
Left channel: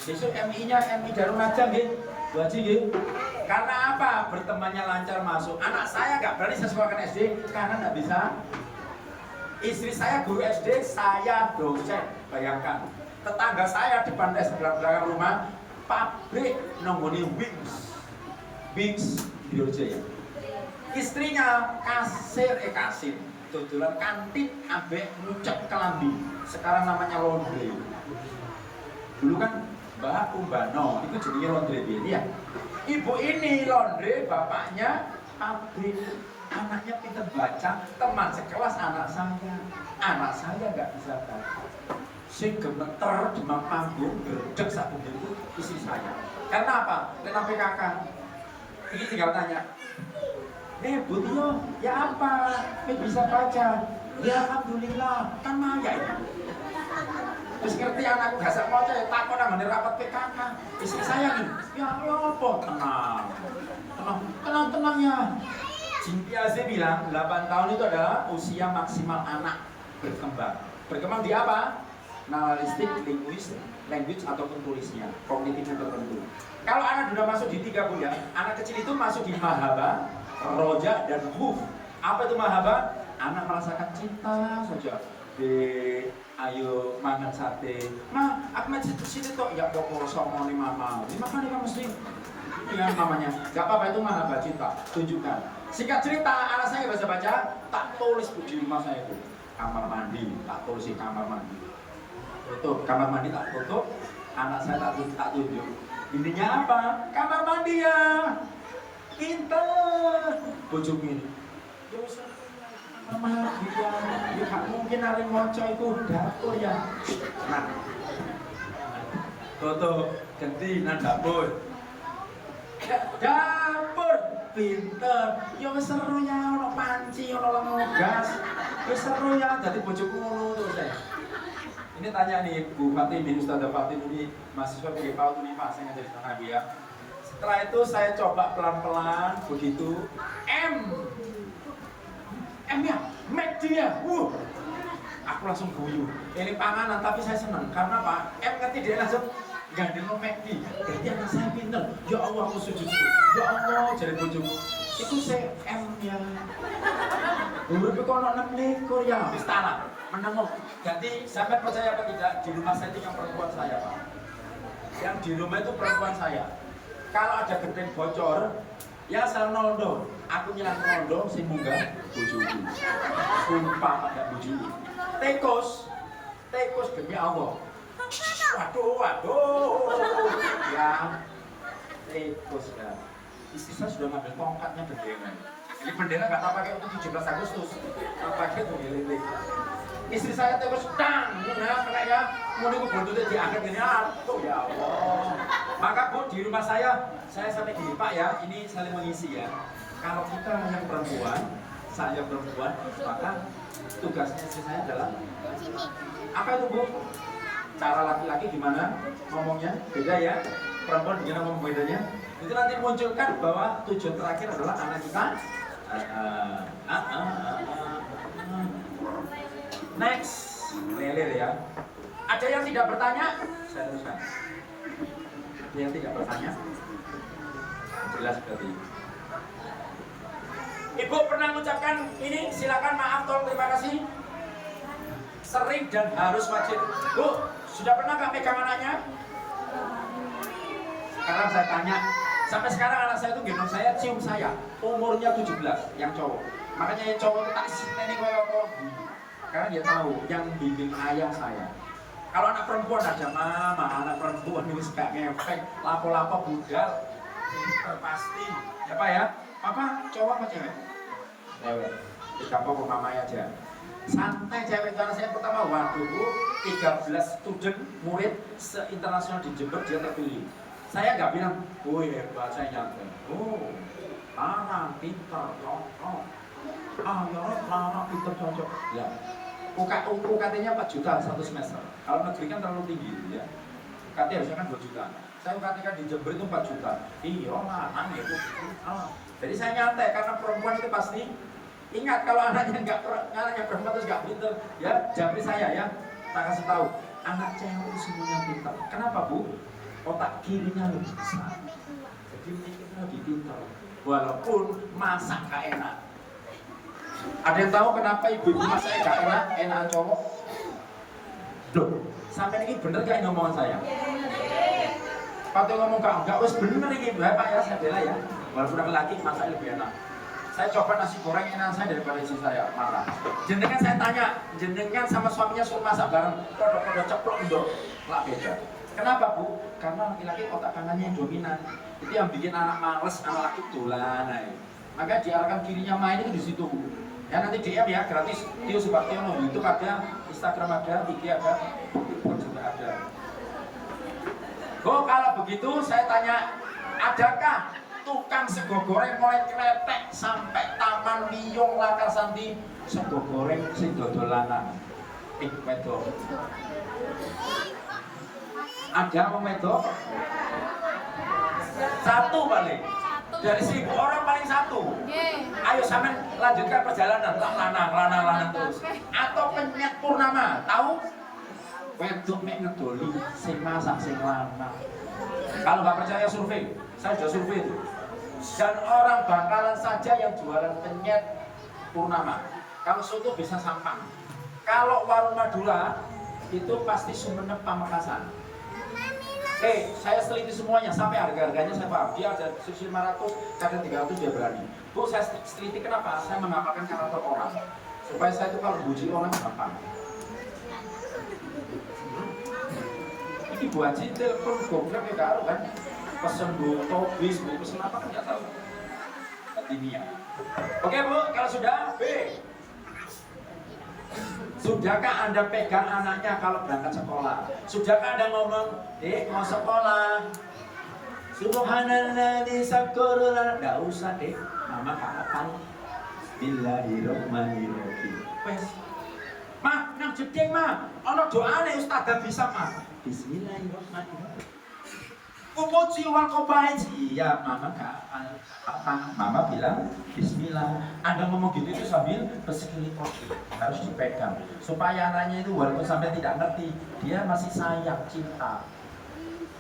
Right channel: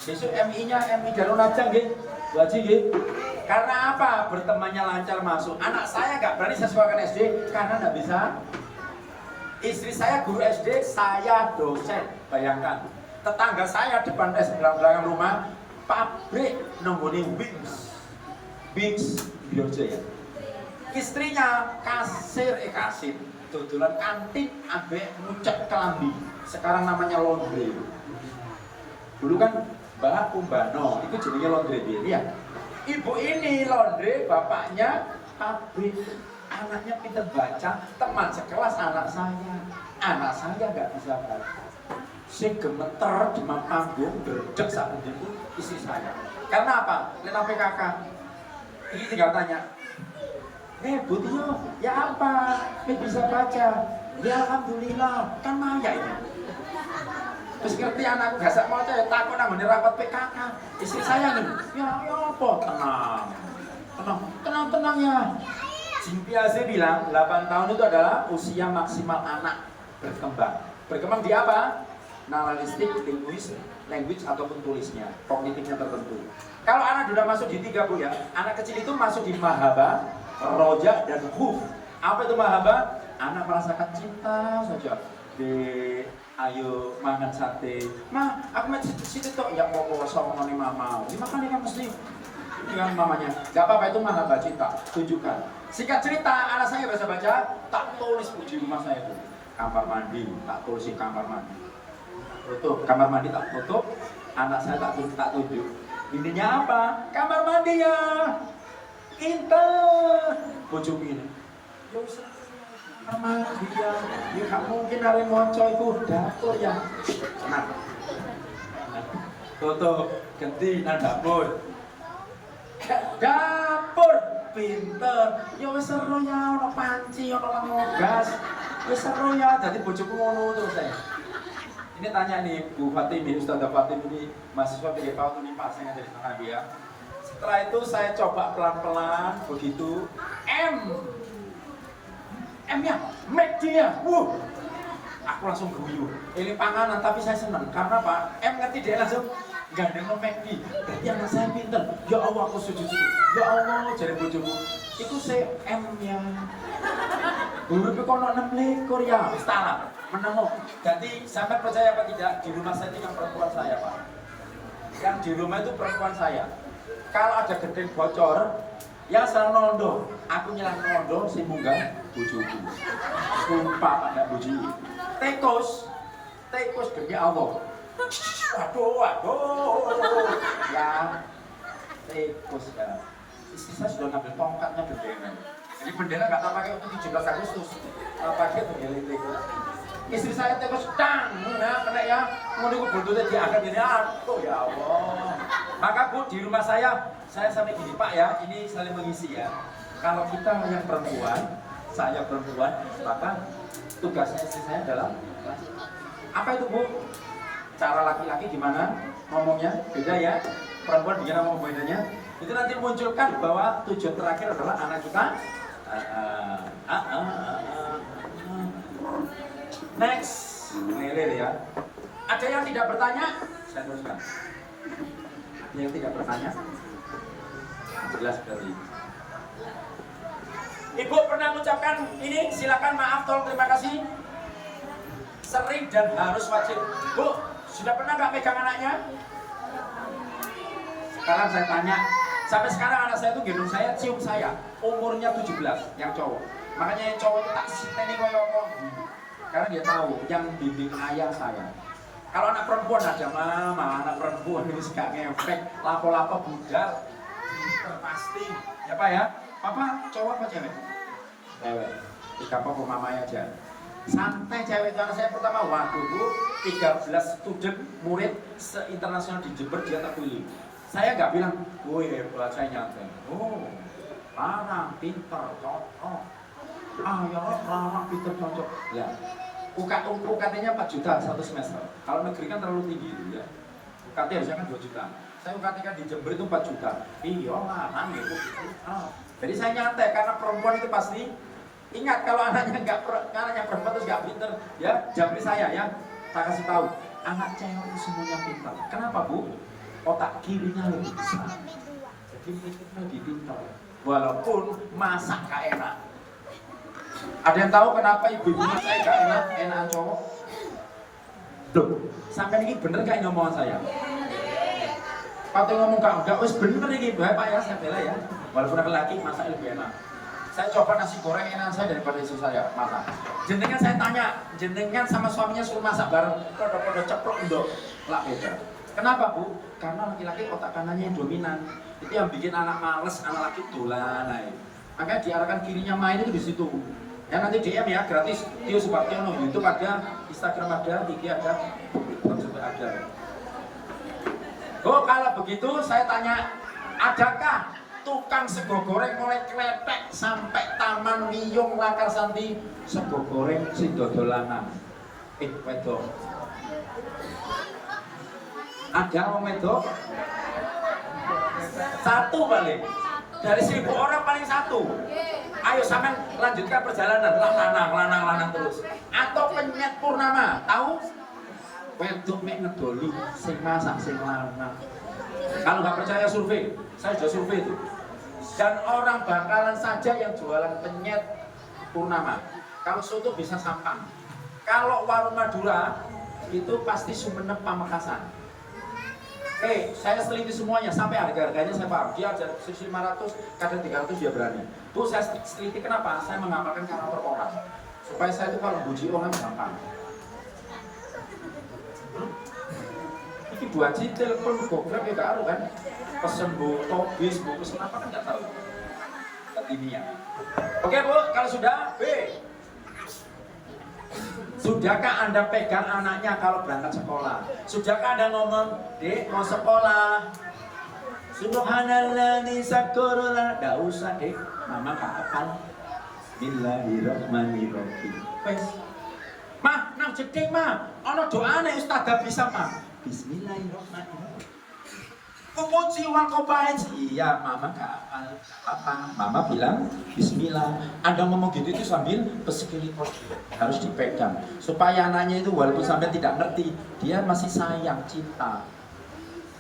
Besok MI-nya MI Garunajang gitu, Bu Haji gitu. Karena apa? Bertemannya lancar masuk. Anak saya nggak berani saya sekolahkan SD karena nggak bisa. Istri saya guru SD, saya dosen. Bayangkan, tetangga saya depan belakang rumah pabrik nenggoni Wings Biorjaya. Istrinya kasir, tujuan kantin ambek ngucap kelambi. Sekarang namanya laundry. Dulu kan Mbak Umbano, itu jadinya laundry dia. Ibu ini laundry, bapaknya pabrik. Anaknya pintar baca, teman sekelas anak saya nggak bisa baca. Si gemeter demam panggung berdek saat itu istri saya. Karena apa? Lena PKK. Ini tinggal tanya. Bu Tio, ya apa? Bisa baca? Ya alhamdulillah, kan nanya itu. Terus ngerti anakku gak sak maca ya takut nang rapat PKK. Istri saya nih, ya apa? Tenang ya. Simpiase bilang 8 tahun itu adalah usia maksimal anak berkembang. Berkembang di apa? Naralistik, language ataupun tulisnya, kognitifnya tertentu. Kalau anak sudah masuk di 3 Bu ya, anak kecil itu masuk di mahaba, roja dan huf. Apa itu mahaba? Anak merasakan cinta saja. Ayo makan sate. Aku mau situ tuh ya popo somone mama. Makan nih mesti. Yang mamanya, gak apa-apa itu mahaba cinta. Tunjukkan. Singkat cerita, anak saya bisa baca, tak tulis puji rumah saya itu. Kamar mandi, tak tulis di kamar mandi. Tutup, kamar mandi tak tutup, anak saya tak tunjuk. Intinya apa? Kamar mandi ya. Pinter. Bojoku ini. Ya wis kamar kita. Ya gak mungkin ada moco itu dapur ya. Nah. Tutup, ganti nang dapur. Dapur pinter. Ya wis seru ya ono panci, ono lemon gas. Wis seru ya dadi bojoku ngono terus teh. Ini tanya nih Bu Fatim, Ustazah Fatim ini mahasiswa PG PAUD Unifah, saya dari Tengah ya. Setelah itu saya coba pelan-pelan begitu M-nya, McD-nya, aku langsung guyu. Ini panganan tapi saya senang karena Pak M ngerti dia langsung gandeng McD. Berarti anak saya pinter. Ya Allah aku sujud. Ya Allah jadi bojoku. Iku se M-nya. Guru kono 6 ekor ya, wis tanah. Menemu. Jadi sampai percaya apa tidak, di rumah saya itu yang perempuan saya Pak. Yang di rumah itu perempuan saya. Kalau ada genteng bocor, yang selalu nondo, aku nyelang nondo si munggah bojoku. Sumpah ada bojoku. Tekus demi Allah. Waduh. Ya, tekus kan. Istri saya sudah ngambil tongkatnya bendera. Jadi bendera nggak tak pakai untuk 17 Agustus, pakai bendera. Istri saya tekus dang, ya, mulai buntutnya diangkat ini, oh ya Allah. Maka Bu di rumah saya sampai gini Pak ya, ini saling mengisi ya. Kalau kita yang perempuan, saya perempuan, maka tugasnya istri saya adalah apa itu Bu? Cara laki-laki gimana ngomongnya? Beda ya. Perempuan gimana ngomong bedanya? Itu nanti munculkan bahwa tujuan terakhir adalah anak kita. Next, Melel ya. Ada yang tidak bertanya? Saya teruskan. Yang tidak bertanya? Jelas berarti. Ibu pernah mengucapkan ini, silakan, maaf, tolong, terima kasih. Sering dan harus wajib. Bu, sudah pernah nggak pegang anaknya? Sekarang saya tanya, sampai sekarang anak saya itu gendong saya, cium saya. Umurnya 17, yang cowok. Makanya yang cowok itu tak ini kok. Karena dia tahu yang bimbing ayah saya. Kalau anak perempuan ada mama, anak perempuan ini suka ngefek, lapo-lapo budal. Pasti. Ya Pak ya? Papa cowok apa cewek? Cewek. Tidak apa mamanya aja. Santai cewek. Karena saya pertama waktu itu 13 student murid se-internasional di Jember dia terpilih. Saya nggak bilang, woi hebat, saya nyantai. Oh, larang, pinter, cocok. Ya larang, pinter, cocok. Ya, UKT-nya 4 juta 1 semester. Kalau negeri kan terlalu tinggi, ya. UKT harusnya kan 2 juta. Saya UKT kan di Jember itu 4 juta. Iya larang gitu. Jadi saya nyantai karena perempuan itu pasti ingat kalau anaknya anaknya perempuan terus nggak pinter, ya Jabri saya ya. Tak kasih tahu, anak cewek itu semuanya pinter. Kenapa Bu? Otak kirinya lebih besar, jadi mikirnya lebih pintar. Walaupun masak gak enak. Ada yang tahu kenapa ibu masak gak enak, enakan cowok? Duh, sampai ini bener gak ini omongan saya? Waktu ngomong enggak, wes bener ini Pak ya, saya bela ya. Walaupun laki-laki masak lebih enak. Saya coba nasi goreng enak saya daripada istri saya masak. Jenengan saya tanya, jenengan sama suaminya suruh masak bareng, podo-podo ceplok ndok, lah beda. Kenapa Bu? Karena laki-laki otak kanannya yang dominan. Itu yang bikin anak males, anak laki tulan. Makanya diarahkan kirinya main itu di situ. Ya nanti DM ya gratis. Tio Subaktiono, YouTube ada, Instagram ada, IG ada, TikTok juga ada. Oh kalau begitu saya tanya, adakah tukang sego goreng mulai kletek sampai Taman Wiyung Lakar Santi sego goreng si dodolanan? Wedok. Ada om itu satu balik dari 1.000 orang paling satu. Ayo sampai lanjutkan perjalanan lanang terus. Atau penyet purnama tahu? Wedok mek ngedoli sing masak sing lanang. Kalau nggak percaya survei, saya sudah survei itu. Dan orang bakalan saja yang jualan penyet purnama. Kalau soto bisa Sampang. Kalau warung Madura itu pasti Sumenep Pamekasan. Saya seliti semuanya sampai harga-harganya saya paham. Dia ada 500, kadang 300 dia berani. Bu, saya seliti kenapa? Saya mengamalkan karakter orang. Supaya saya itu kalau puji orang gampang. Ini Bu Haji telepon goblok ya tahu kan? Pesen botol bis, mau pesen apa kan nggak tahu. Tadinya. Oke Bu, kalau sudah B. Sudahkah Anda pegang anaknya kalau berangkat sekolah? Sudahkah Anda ngomong, Dek mau sekolah? Subhanallah disakurullah. Gak usah Dek, Mama kapan? Bismillahirrahmanirrahim. Wes, Mah, nang jeding Mah. Ono doane Ustazah bisa Mah. Bismillahirrahmanirrahim. Memuji wal kobait. Iya, Mama kapan? Apa? Mama bilang Bismillah. Anda ngomong gitu itu sambil bersekeliling harus dipegang supaya anaknya itu walaupun sampai tidak ngerti dia masih sayang cinta.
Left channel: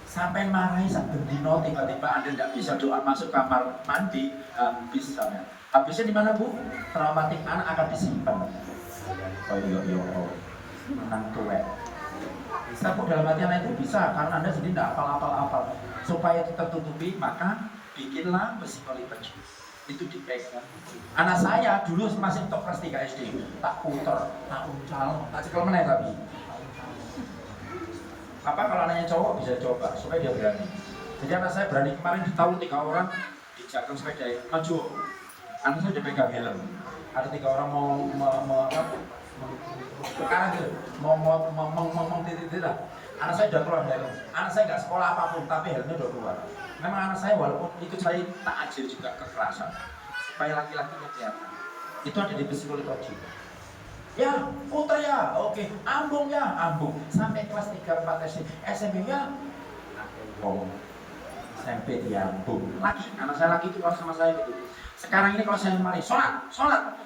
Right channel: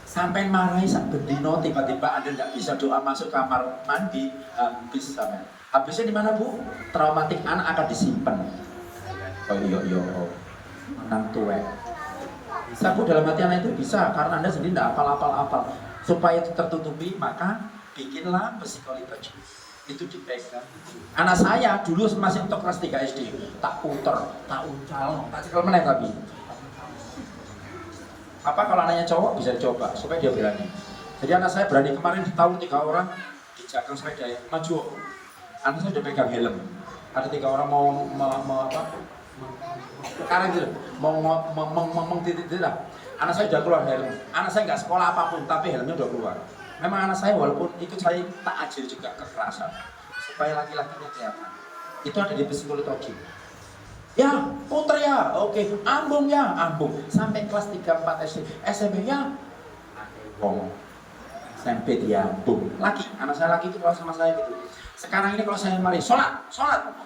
Sampai marahi sampai dino tiba-tiba Anda tidak bisa doa masuk kamar mandi habis sana. Habisnya di mana Bu? Traumatik anak akan disimpan. Oh iya menang tuwek. Sabu dalam hati anak itu bisa karena Anda sendiri tidak apal-apal. Supaya itu tertutupi maka bikinlah psikologi baju itu dipegang. Anak saya dulu masih untuk kelas 3 SD tak puter, tak uncal, tak cekel meneh tapi. Apa kalau anaknya cowok bisa dicoba supaya dia berani. Jadi anak saya berani kemarin di tahun 3 orang dijaga sepeda ya maju. Anak saya udah pegang helm. Ada 3 orang mau apa? Karena gitu mau titik lah. Anak saya udah keluar helm. Anak saya nggak sekolah apapun, tapi helmnya udah keluar. Memang anak saya walaupun ikut saya tak ajil juga kekerasan supaya laki-lakinya kelihatan. Itu ada di psikologi. Ya, puter ya, oke. Ambung ya, ambung. Sampai kelas 3, 4 SD. SMP ya, SMP dia ambung. Laki, anak saya laki itu kalau sama saya gitu. Sekarang ini kalau saya mari, sholat.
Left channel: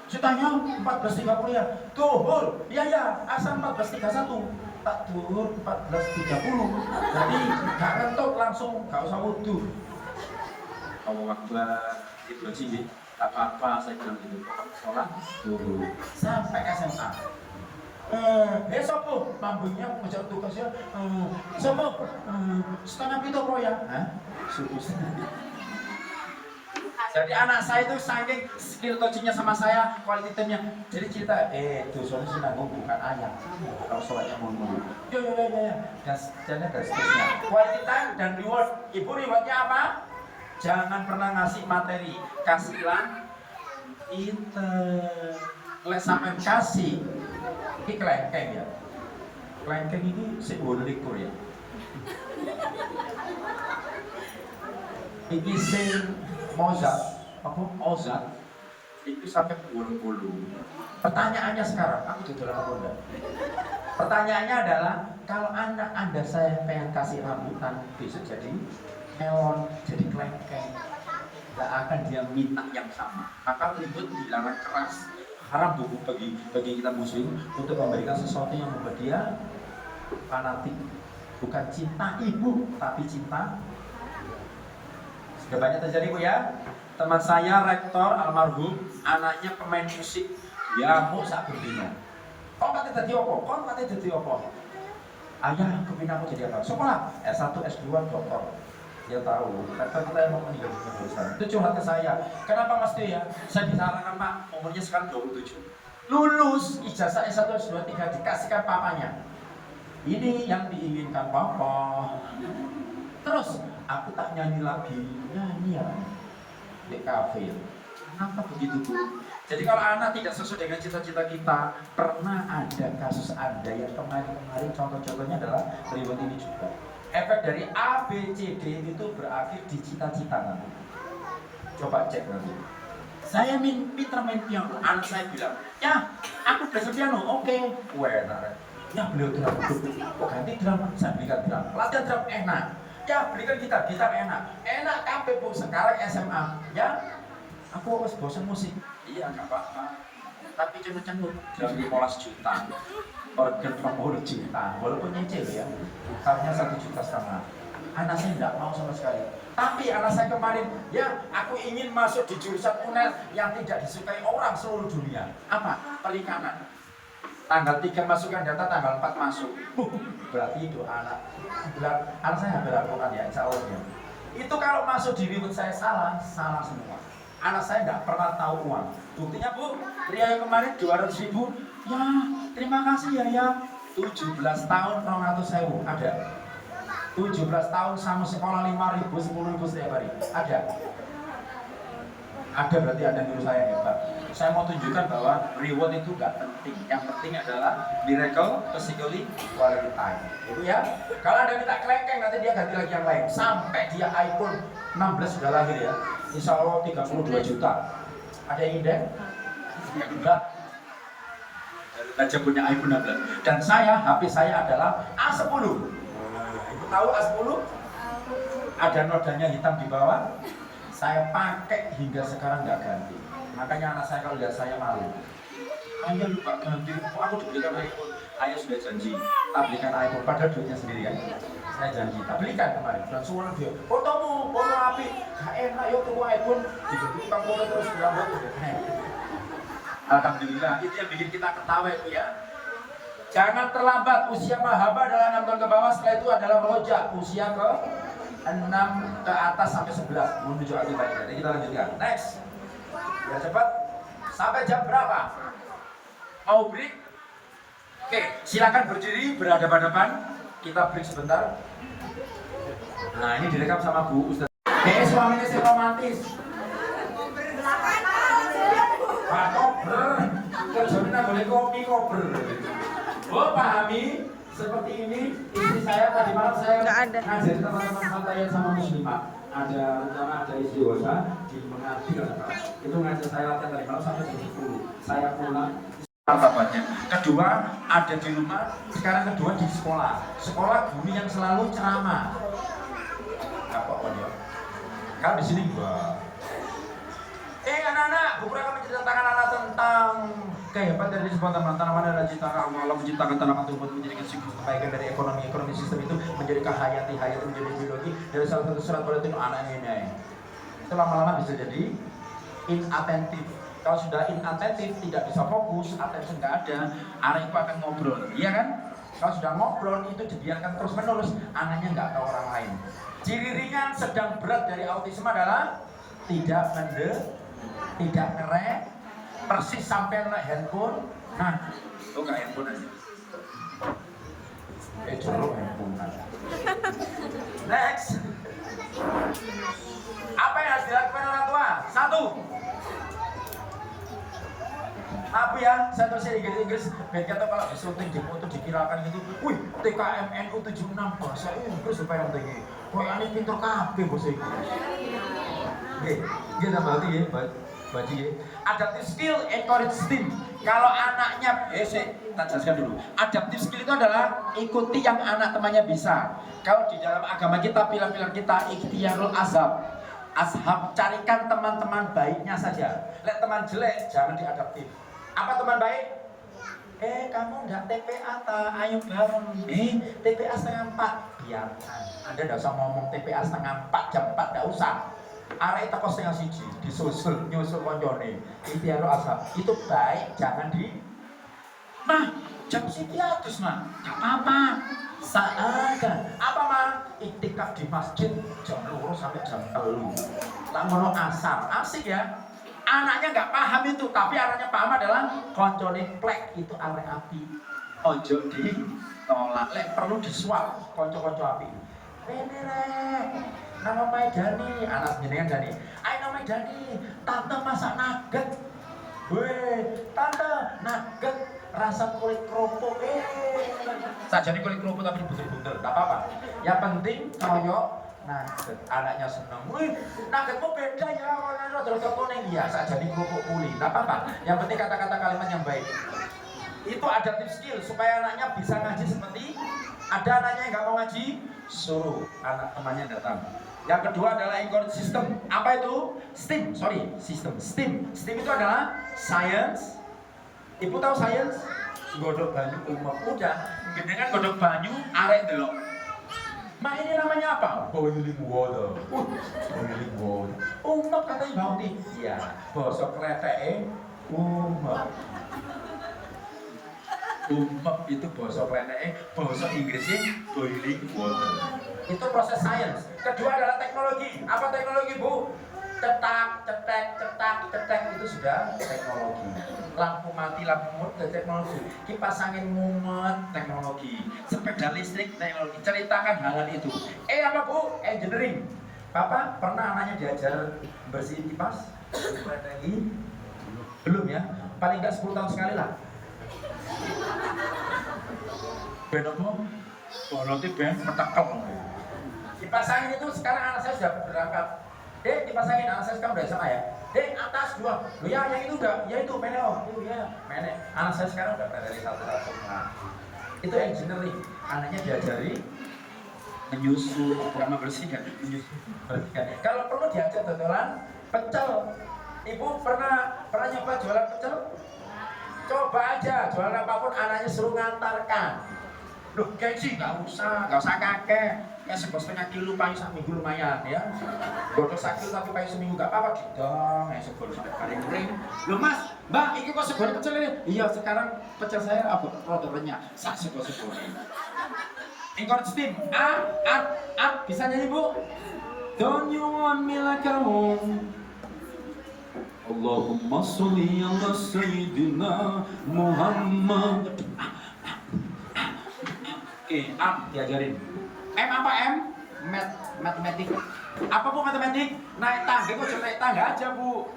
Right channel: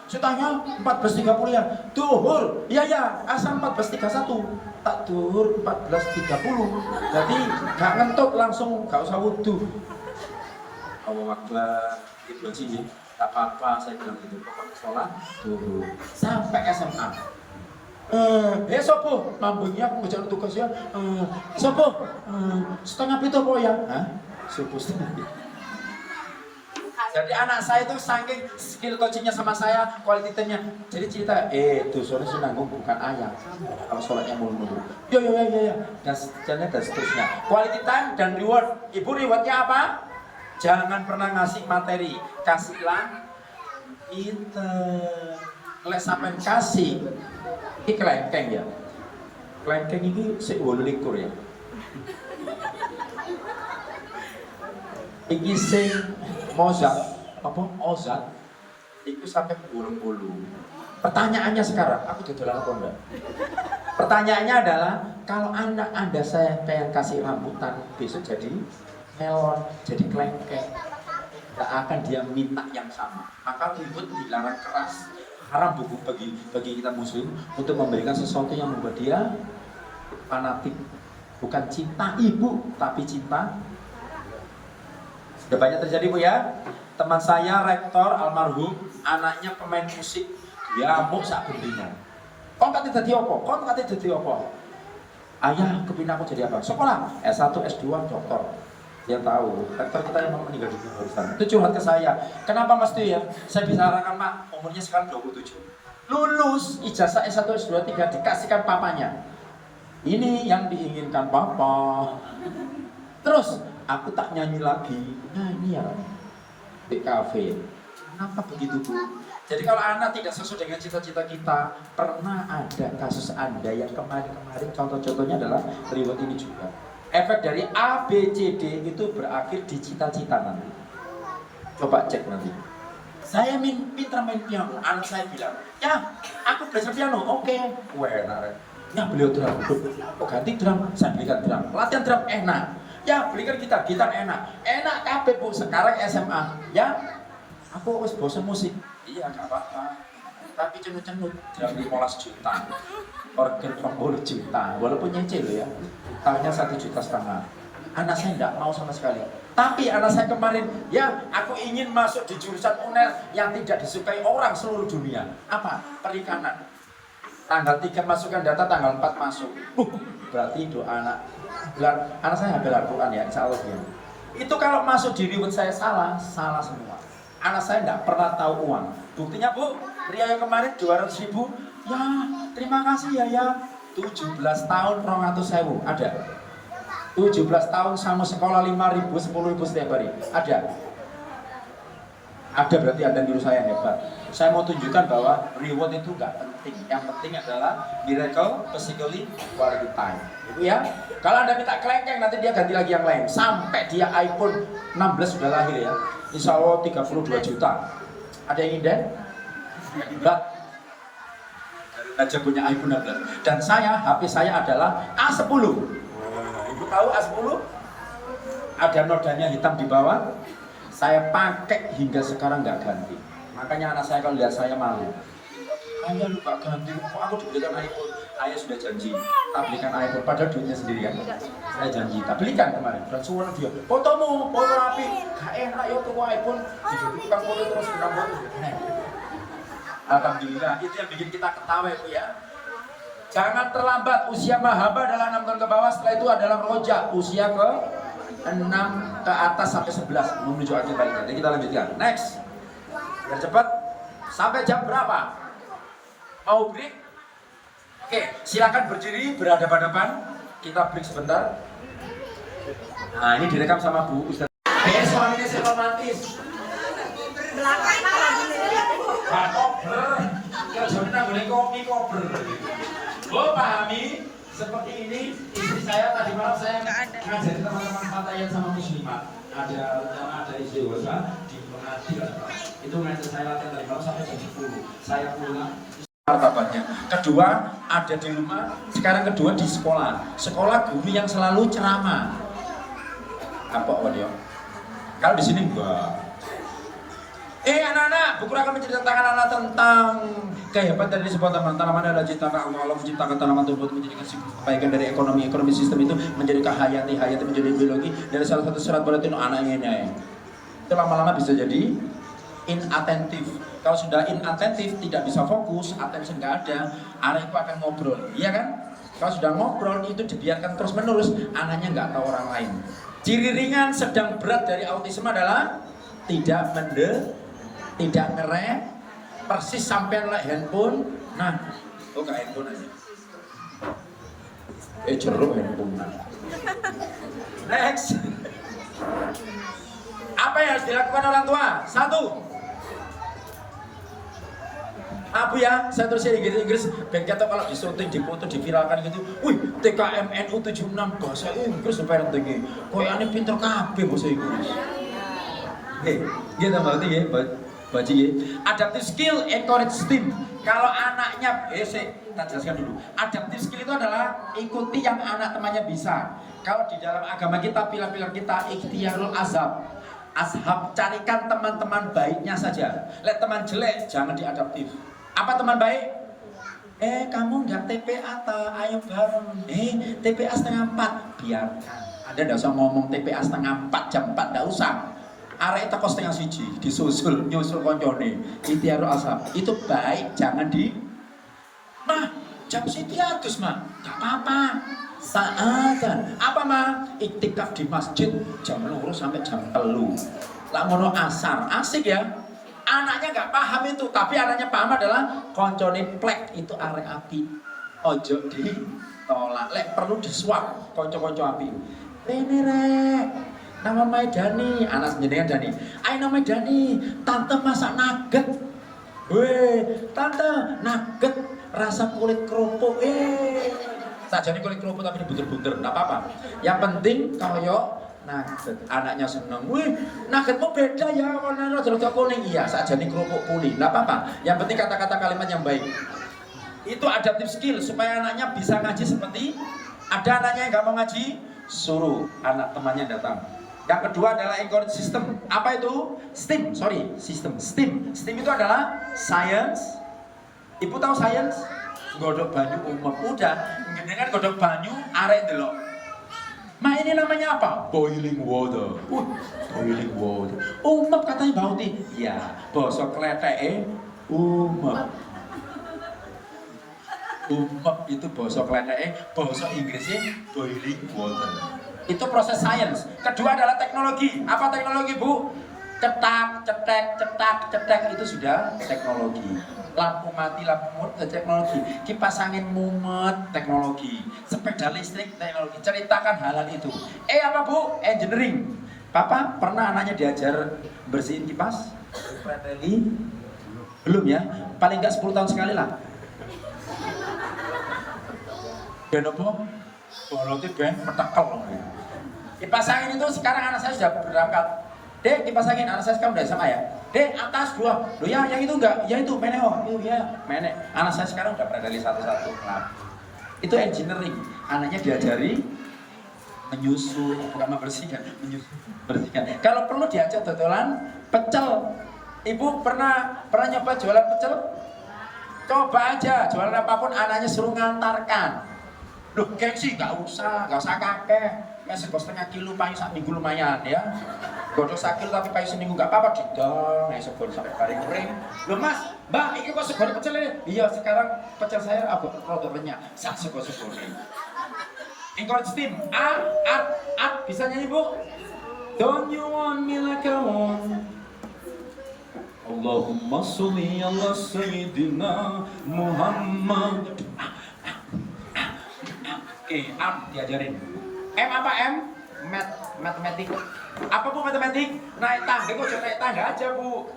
Saya tanya 14.30 ya, duhur. Iya ya, asal 14.31. Tak duhur 14.30. Jadi gak ngentuk langsung, gak usah wudhu. Allah Akbar, gitu sih. Tak apa-apa, saya bilang gitu. Sholat dulu sampai SMA. Sopo lambungnya aku ngejar tugas ya. Sopo setengah itu apa ya? Suku setengah. Jadi anak saya itu saking skill coachingnya sama saya, quality time-nya. Jadi cerita, dosonya senanggung bukan ayah. Kalau sholatnya mulu-mulu. Ya. Dan seterusnya. Quality time dan reward. Ibu rewardnya apa? Jangan pernah ngasih materi, kasihlah itu. Lek sampean kasih iki kelengkeng ya. Kelengkeng ini sik 28 ya. Iki sing Mozart apa Ozart itu sampai 20. Pertanyaannya sekarang, aku dodolan apa enggak? Pertanyaannya adalah kalau anak Anda saya pengen kasih rambutan besok jadi melon, jadi kelengkeng, tidak akan dia minta yang sama. Maka ribut dilarang keras. Haram buku bagi kita muslim untuk memberikan sesuatu yang membuat dia fanatik. Bukan cinta ibu, tapi cinta. Sudah banyak terjadi Bu ya. Teman saya rektor almarhum, anaknya pemain musik, dia mau sak bendina. Kok kate dadi apa? Kok kate dadi apa? Ayah kepingin aku jadi apa? Sekolah S1, S2, doktor. Dia tahu, rektor kita emang meninggal di jurusan. Itu curhat ke saya. Kenapa Mas Tuh ya? Saya bicara Pak, umurnya sekarang 27. Lulus ijazah S1, S2, 3 dikasihkan papanya. Ini yang diinginkan papa. Terus aku tak nyanyi lagi, nyanyi ya di kafe. Kenapa begitu tuh? Jadi kalau anak tidak sesuai dengan cita-cita kita, pernah ada kasus Anda yang kemarin contoh-contohnya adalah reward ini juga. Efek dari A, B, C, D itu berakhir di cita-cita nanti. Coba cek nanti. Saya pintar main piano, anak saya bilang, ya aku belajar piano, oke. Enak. Ya beliau drum, kok ganti drum, saya belikan drum. Latihan drum enak. Ya belikan gitar enak kabeh Bu. Sekarang SMA, ya aku harus bosan musik. Iya nggak apa-apa. Tapi cengut-cengut drum 15 juta. Organ 40 juta, walaupun nyicil ya, tahunnya 1,5 juta. Anak saya tidak mau sama sekali. Tapi anak saya kemarin, ya aku ingin masuk di jurusan UNER yang tidak disukai orang seluruh dunia. Apa? Perikanan. Tanggal 3 masukkan data, tanggal 4 masuk. Berarti doa anak saya hampir Al-Quran ya, insya Allah gitu. Itu kalau masuk di reward saya salah semua. Anak saya tidak pernah tahu uang. Buktinya Bu, pria yang kemarin 200.000, ya terima kasih ya 17 tahun 200.000 ada. 17 tahun sama sekolah 5.000, 10.000 setiap hari ada berarti Anda niru saya hebat. Saya mau tunjukkan bahwa reward itu gak penting. Yang penting adalah miracle, physically, quality time. Itu ya. Kalau Anda minta kelengkeng nanti dia ganti lagi yang lain. Sampai dia iPhone 16 sudah lahir ya. Insya Allah 32 juta. Ada yang inden? Enggak. Aja punya iPhone 16. Dan HP saya adalah A10. Ibu tahu A10? Ada nodanya hitam di bawah. Saya pakai hingga sekarang nggak ganti. Makanya anak saya kalau lihat saya malu. Ayah lupa ganti, kok aku dibelikan iPhone? Ayah sudah janji, tak belikan iPhone, padahal duitnya sendiri kan. Saya janji, tak belikan kemarin. Dan semua dia, fotomu, foto api, gak enak ya tuh iPhone. Tukang foto terus bilang foto. Alhamdulillah, itu yang bikin kita ketawa ya. Jangan terlambat, usia mahaba adalah 6 tahun ke bawah, setelah itu adalah rojak, usia ke 6 ke atas sampai 11 menuju akhir baliknya. Jadi kita lanjutkan. Next. Biar cepat. Sampai jam berapa? Mau break? Oke, silakan berdiri berhadapan-hadapan. Kita break sebentar. Nah, ini direkam sama Bu Ustaz. Oke, suaminya si romantis. Pak kober. Kerjanya boleh koper. Oh, pahami? Seperti ini, istri saya tadi malam saya ngajari teman-teman santai sama muslimat. Ada rencana, ada istighosah di Menganti. Itu ngajar saya latihan tadi malam sampai jam 10. Saya pulang. martabatnya. Kedua, ada di rumah. Sekarang kedua di sekolah. Sekolah guru yang selalu ceramah. Apa dia? Kalau di sini enggak. Anak-anak, buku akan menceritakan anak tentang kehebatan dari sebuah tanaman adalah ciptakan Allah menciptakan tanaman tersebut menjadi kebaikan dari ekonomi sistem itu menjadi hayati menjadi biologi dari salah satu syarat berarti anaknya ini. Itu lama-lama bisa jadi inattentif. Kalau sudah inattentif tidak bisa fokus, attention nggak ada, anak itu akan ngobrol, iya kan? Kalau sudah ngobrol itu dibiarkan terus menerus, anaknya nggak tahu orang lain. Ciri ringan, sedang, berat dari autisme adalah tidak ngerem, persis sampai handphone. Nah, ke handphone aja. Jeruk handphone. Next. Apa yang harus dilakukan orang tua? Satu, maaf ya, saya tulisnya Inggris. Bagi atau kalau disyuting, dipoto, diviralkan gitu. Wih, TKMNU 76 bahasa Inggris supaya tinggi. Koyane pinter kabeh bahasa Inggris. Gitu berarti ya, baca ya. Adaptive skill, encourage STEAM. Kalau anaknya, kita jelaskan dulu. Adaptive skill itu adalah ikuti yang anak temannya bisa. Kalau di dalam agama kita, pilar-pilar kita, ikhtiarul azhab. Ashab, carikan teman-teman baiknya saja. Lihat teman jelek, jangan diadaptif. Apa teman baik? Kamu nggak TPA ta? Ayo bareng. TPA setengah 4. Biarkan. Anda nggak usah ngomong TPA setengah 4, jam 4, nggak usah. Arek teko setengah 1, disusul, nyusul koncone. Ikhtiarul ashab. Itu baik, jangan di. Nah, jam 1 mah, nggak apa-apa. Seakan apa mah? Iktikaf di masjid jam 2 sampai jam 3. Lamono asar, asik ya. Anaknya nggak paham itu, tapi anaknya paham adalah koncone plek itu arek api. Ojo ditolak, lek perlu disuap konco-konco api. Ini rek, nama Maidani, anak jenengan Dani. Ayo nama Dani, tante masak nugget. Weh, tante nugget rasa kulit kerupuk. Sajane kulit kerupuk tapi dibuter-buter, enggak apa-apa. Yang penting koyo nugget, anaknya seneng. Wih, nuggetmu beda ya, warna rada kuning. Iya, sajane kerupuk kuning, enggak apa-apa. Yang penting kata-kata kalimat yang baik. Itu adaptive skill supaya anaknya bisa ngaji seperti ada anaknya yang nggak mau ngaji, suruh anak temannya datang. Yang kedua adalah encourage system. Apa itu? System. STEAM itu adalah science. Ibu tahu science? Godok banyu umum. Udah, dengan godok banyu, arek delok. Ma ini namanya apa? Boiling water. Boiling water. Umep katanya bauti. Iya, basa kleteke umep. Umep itu basa kleteke, basa Inggrisnya boiling water. Itu proses sains. Kedua adalah teknologi. Apa teknologi, Bu? Cetak, cetek itu sudah teknologi. Lampu mati, lampu mumet teknologi. Kipas angin mumet teknologi. Sepeda listrik teknologi. Ceritakan hal-hal itu. Apa, Bu? Engineering. Papa pernah anaknya diajar bersihin kipas? Belum ya? Paling nggak 10 tahun sekali lah. Ben apa? Kalau ben metekel. Kipas angin itu sekarang anak saya sudah berangkat. Dek, kipas angin anak saya sekarang udah SMA ya. Dek, atas 2. Loh ya, yang itu enggak. Ya itu, menek oh. Itu ya, menek. Anak saya sekarang udah pernah dari satu-satu. Nah, itu engineering. Anaknya diajari menyusu, membersihkan. Kalau perlu diajak dodolan pecel. Ibu pernah nyoba jualan pecel? Coba aja, jualan apapun anaknya suruh ngantarkan. Loh, gengsi, gak usah kakek. Sego setengah kilo payu sak minggu lumayan ya. Godok sak kilo tapi payu seminggu gak apa-apa didong. Sego sampai bareng kering. Loh Mas, Mbak, ini kok sego pecel ini? Iya, sekarang pecel saya apa? Rada renyah. Sak sego ini. Encourage team. Bisa nyanyi, Bu? Don't you want me like I want? Allahumma sholli ala sayyidina Muhammad. Diajarin. Apa M? Matematik. Apa Bu matematik? Naik tangga, kok naik tangga aja Bu.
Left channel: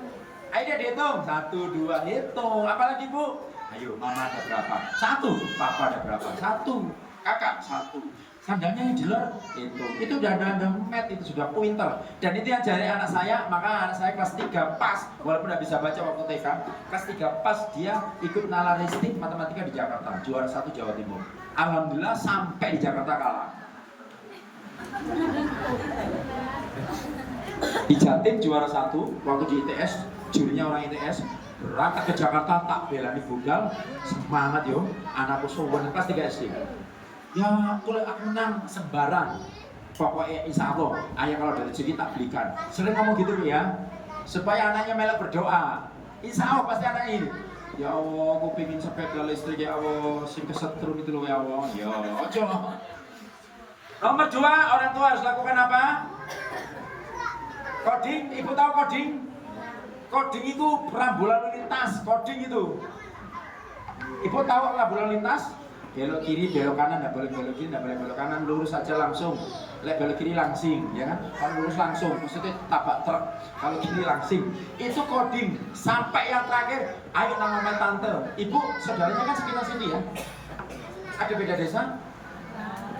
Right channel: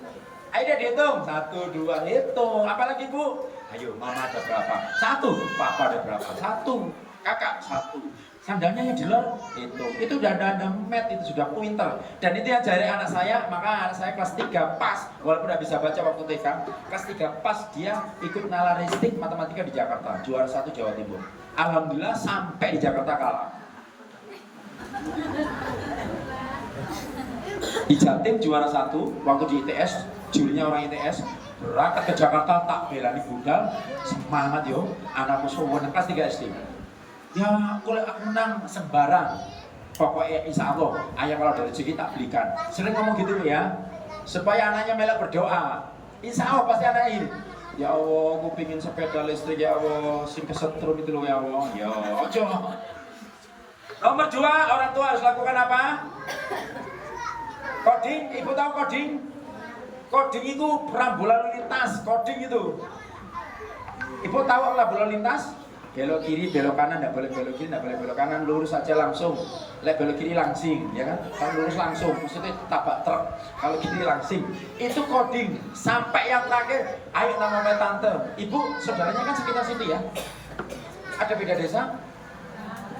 Ayo deh dihitung. 1, 2, hitung. Apalagi Bu? Ayo, mama ada berapa? 1. Papa ada berapa? 1. Kakak 1. Sandalnya yang di luar itu udah ada mat, itu sudah pinter. Dan itu yang jari anak saya, maka anak saya kelas 3 pas, walaupun udah bisa baca waktu TK, kelas 3 pas dia ikut nalaristik matematika di Jakarta, juara 1 Jawa Timur. Alhamdulillah sampai di Jakarta kalah. Di Jatim juara 1 waktu di ITS, jurinya orang ITS, berangkat ke Jakarta tak belani budal, semangat yo, anakku suwen kelas 3 SD. Ya, kalau aku menang sembarang, pokoknya insya Allah, ayah kalau dari rezeki tak belikan. Sering ngomong gitu ya, supaya anaknya melek berdoa. Insya Allah pasti anaknya ini. Ya Allah, aku pingin sepeda listrik ya Allah, sing kesetrum itu loh ya Allah. Ya, ojo. Nomor 2, orang tua harus lakukan apa? Coding, ibu tahu coding? Coding itu perambulan lintas, coding itu. Ibu tahu perambulan lintas? Belok kiri, belok kanan, tidak boleh belok kiri, tidak boleh belok kanan, lurus saja langsung. Lek belok kiri langsing, ya kan? Kalau lurus langsung, maksudnya tabak truk. Kalau kiri langsing, itu coding. Sampai yang terakhir, ayo nama tante. Ibu, saudaranya kan sekitar situ ya? Ada beda desa?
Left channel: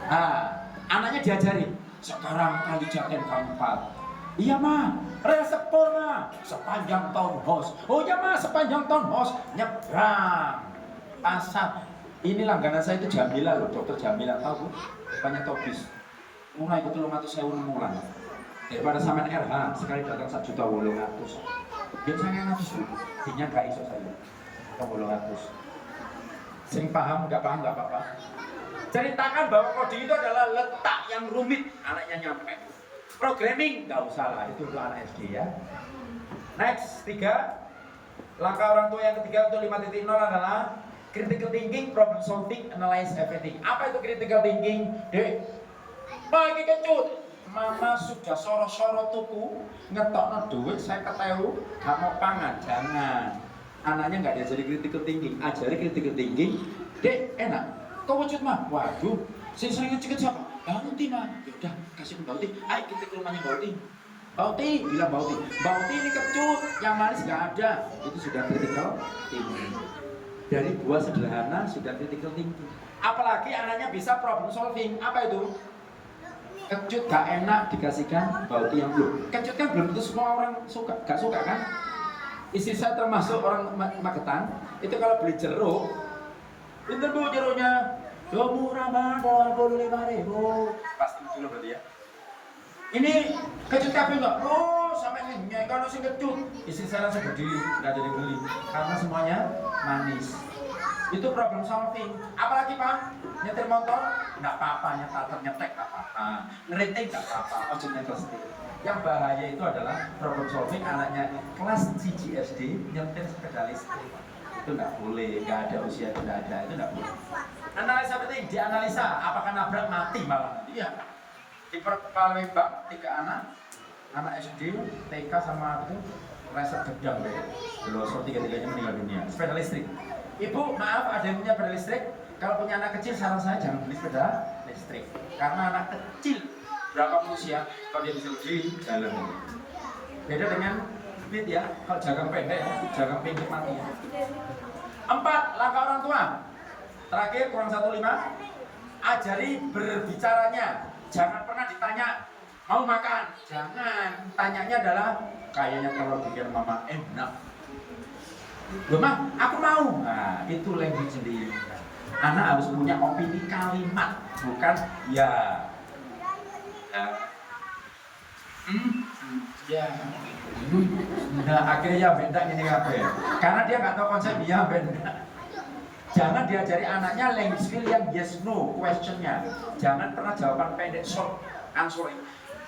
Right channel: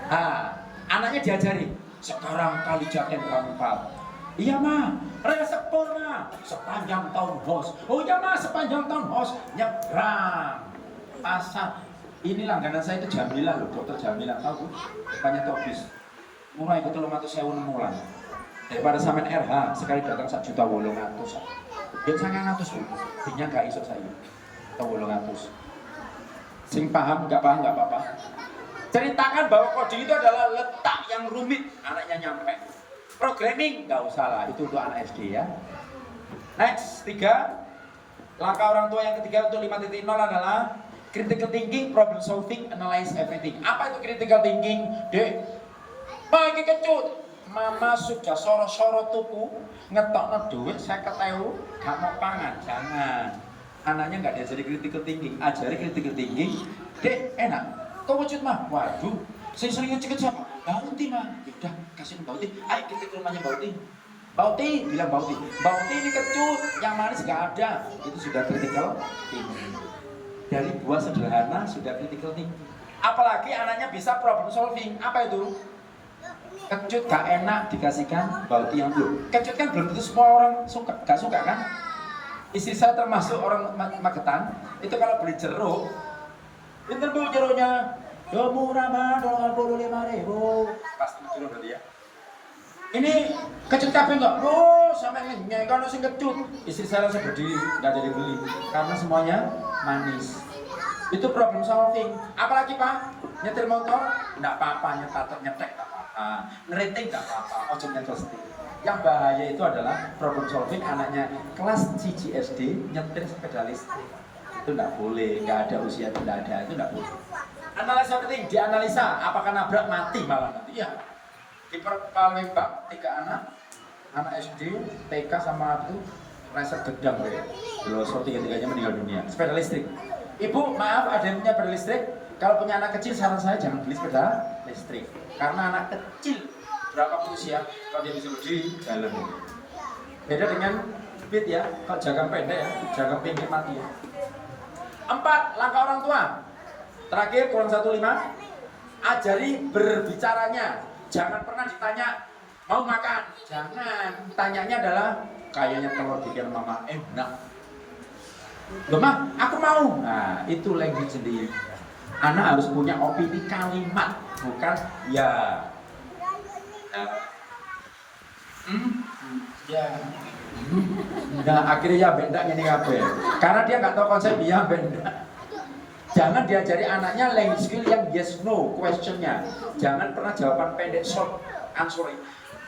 Nah, anaknya diajari. Sekarang kali Jatim keempat. Iya mah, resepor mah, sepanjang tahun host. Oh iya mah, sepanjang tahun host, nyebrang, asap. Ini langganan saya itu Jamila loh, dokter Jamila, tahu bu? Banyak topis. Mulai ke 300.000 mulan. Daripada samen RH, sekali datang 1.800.000. Yang sangat 100 bu, dinya gak iso saya. 800. Sing paham, nggak apa-apa. Ceritakan bahwa coding itu adalah letak yang rumit, anaknya nyampe. Programming, nggak usah lah, itu untuk anak SD ya. Next, 3. Langkah orang tua yang ketiga untuk 5.0 adalah critical thinking, problem solving, analyze everything. Apa itu critical thinking? Dek, pagi kecut, mama sudah soro-soro tuku, ngetokno duit 50.000, gak mau pangan, jangan. Anaknya nggak diajari critical thinking, ajari critical thinking. Dek, enak, kau wujud mah, waduh, saya sering ngecek siapa? Bauti mah, yaudah kasih Bauti, ayo kita ke rumahnya Bauti. Bauti, bilang Bauti ini kecut, yang manis nggak ada, itu sudah critical thinking. Dari buah sederhana sudah critical thinking. Apalagi anaknya bisa problem solving. Apa itu? Kecut gak enak dikasihkan Bauti yang belum. Kecut kan belum tentu semua orang suka, gak suka kan? Istri saya termasuk orang Magetan. Itu kalau beli jeruk, pinter bu jeruknya. Yo murah banget, 25.000. Pasti betul berarti ya. Ini kecut kabeh enggak? Oh, sampai ngenyek kalau sing kecut. Istri saya langsung berdiri, enggak ada yang beli. Karena semuanya manis. Itu problem solving. Apalagi Pak? Nyetir motor? Enggak apa-apa, nyetek enggak apa-apa. Ngeriting enggak apa-apa, ojo nyetir setir. Yang bahaya itu adalah problem solving anaknya kelas CGSD nyetir sepeda listrik. Itu enggak boleh, enggak ada usia, enggak ada, itu enggak boleh. Analisa penting, dianalisa apakah nabrak mati malah nanti ya. Di Palembang 3 anak SD, TK sama itu reset gedang ya. Loso 3-3-nya meninggal dunia. Sepeda listrik. Ibu, maaf ada yang punya sepeda listrik. Kalau punya anak kecil, saran saya jangan beli sepeda listrik. Karena anak kecil berapa usia, kalau dia bisa berdiri jalan. Beda dengan speed ya, kalau jaga pendek ya, jaga pendek mati ya. 4. Langkah orang tua. Terakhir, kurang 1.5. Ajari berbicaranya. Jangan pernah ditanya, mau makan? Jangan. Tanyanya adalah, kayaknya telur bikin mama enak. Loh mah, aku mau. Nah, itu language sendiri. Anak harus punya opini kalimat, bukan ya. Ya. Nah, akhirnya ya benda ini kabeh. Karena dia nggak tahu konsep ya benda. Jangan diajari anaknya language skill yang yes no questionnya. Jangan pernah jawaban pendek short answer.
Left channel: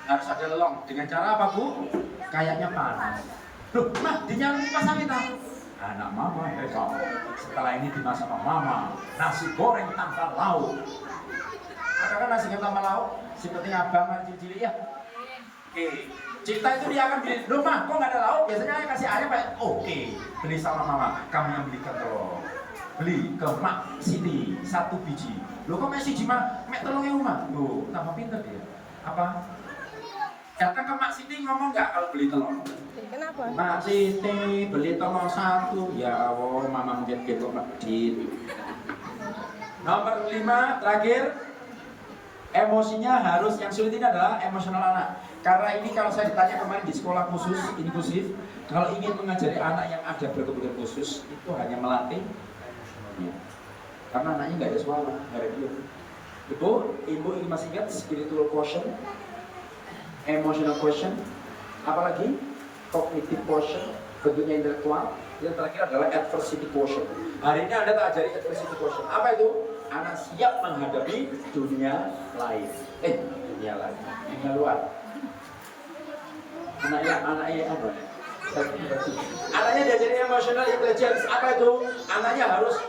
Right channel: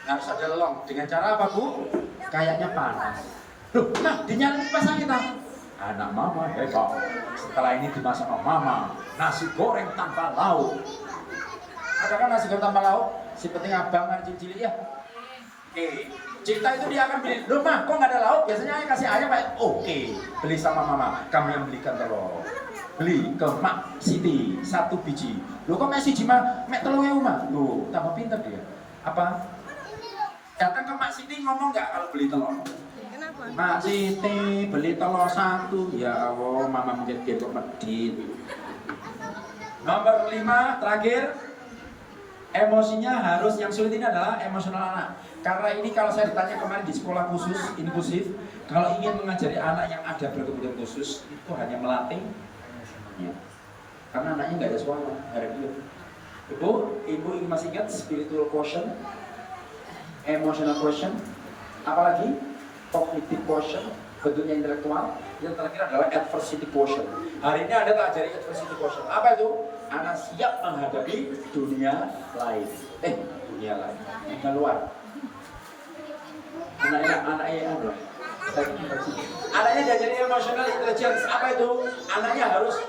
Harus ada long. Dengan cara apa bu? Kayaknya panas. Loh, mah dinyalain pasang kita. Anak mama hebat. Setelah ini dimasak sama mama. Nasi goreng tanpa lauk. Ada kan nasi goreng tanpa lauk? Si penting abang kan cilik ya. Oke. Cinta itu dia akan beli. Loh mah, kok nggak ada lauk? Biasanya yang kasih ayam kayak oke. Beli sama mama. Kamu yang belikan telur. Beli ke Mak Siti 1 biji. Loh kok Mek siji mah? Mek telurnya mah. Loh, tambah pinter dia. Apa? Datang ke Mak Siti ngomong nggak kalau beli telur? Kenapa? Mak Siti beli telur 1. Ya Allah, mama mungkin kepo medit. Nomor 5 terakhir. Emosinya harus, yang sulit ini adalah emosional anak. Karena ini kalau saya ditanya kemarin di sekolah khusus inklusif, kalau ingin mengajari anak yang ada berkebutuhan khusus itu hanya melatih, ya. Karena anaknya nggak ada suara, hari dia. Ibu ingin masih ingat spiritual quotient, emotional quotient, apalagi cognitive quotient, bentuknya intelektual. Yang terakhir adalah adversity quotient. Hari ini Anda tak ajari adversity quotient. Apa itu? Anak siap menghadapi dunia lain. Dunia lain. Dunia luar. Anaknya diajari emotional intelligence. Apa itu? Anaknya harus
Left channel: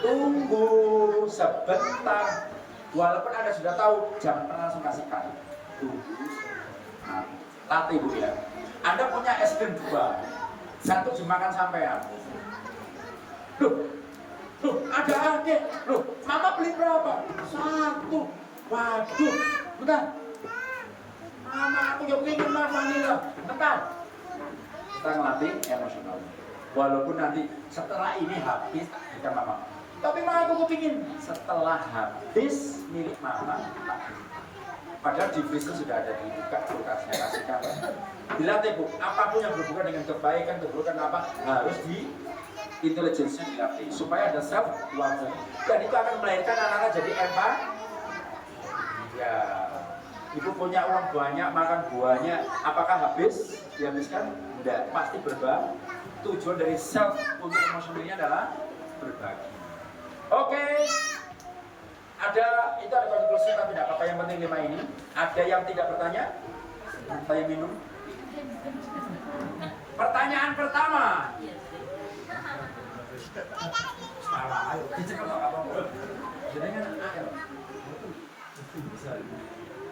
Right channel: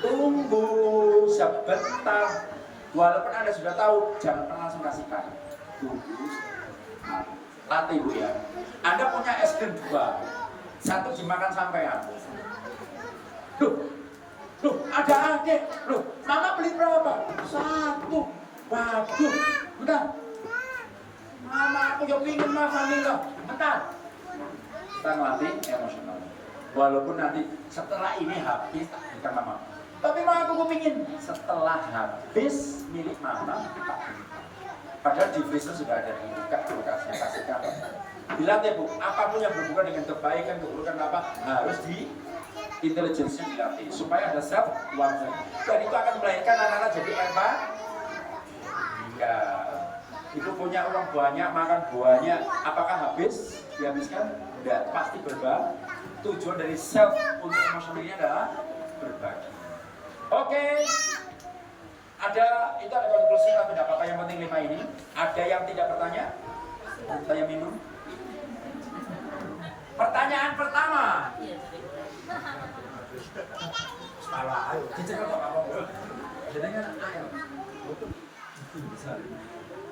tunggu sebentar. Walaupun Anda sudah tahu, jangan pernah langsung kasihkan. Tunggu. Latih Bu ya. Anda punya es krim 2. Satu dimakan sampean. Loh, ada adik. Loh, Mama beli berapa? 1. Waduh, bentar. Mama, aku juga ingin makan vanilla. Bentar. Kita ngelatih emosional. Walaupun nanti setelah ini habis, tak berikan Mama. Tapi Mama, aku kepingin setelah habis milik Mama, tak berikan. Padahal di freezer sudah ada dibuka, kulkasnya kasihkan. Dilatih Bu, apapun yang berhubungan dengan kebaikan, keburukan apa, harus di intelligence dilatih supaya ada self awareness. Dan itu akan melahirkan anak-anak jadi empat. Ya, Ibu punya uang banyak, makan buahnya, apakah habis? Dihabiskan? Tidak, pasti berbagi. Tujuan dari self untuk emosionalnya adalah berbagi. Oke. Itu ada konklusi tapi tidak apa-apa, yang penting 5 ini. Ada yang tidak bertanya? Saya minum. Pertanyaan pertama. Salah, ayo dicek apa apa. Jadi kan ayo.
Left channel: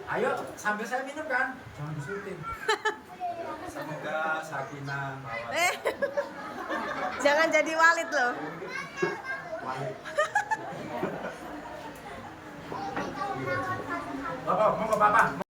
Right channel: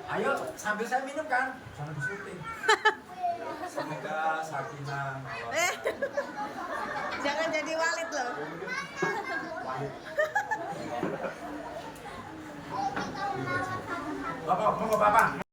Ayo sambil saya minum kan, jangan disurutin. Semoga sakinah mawaddah. Jangan jadi Walid loh. Bapak, mau ke Bapak.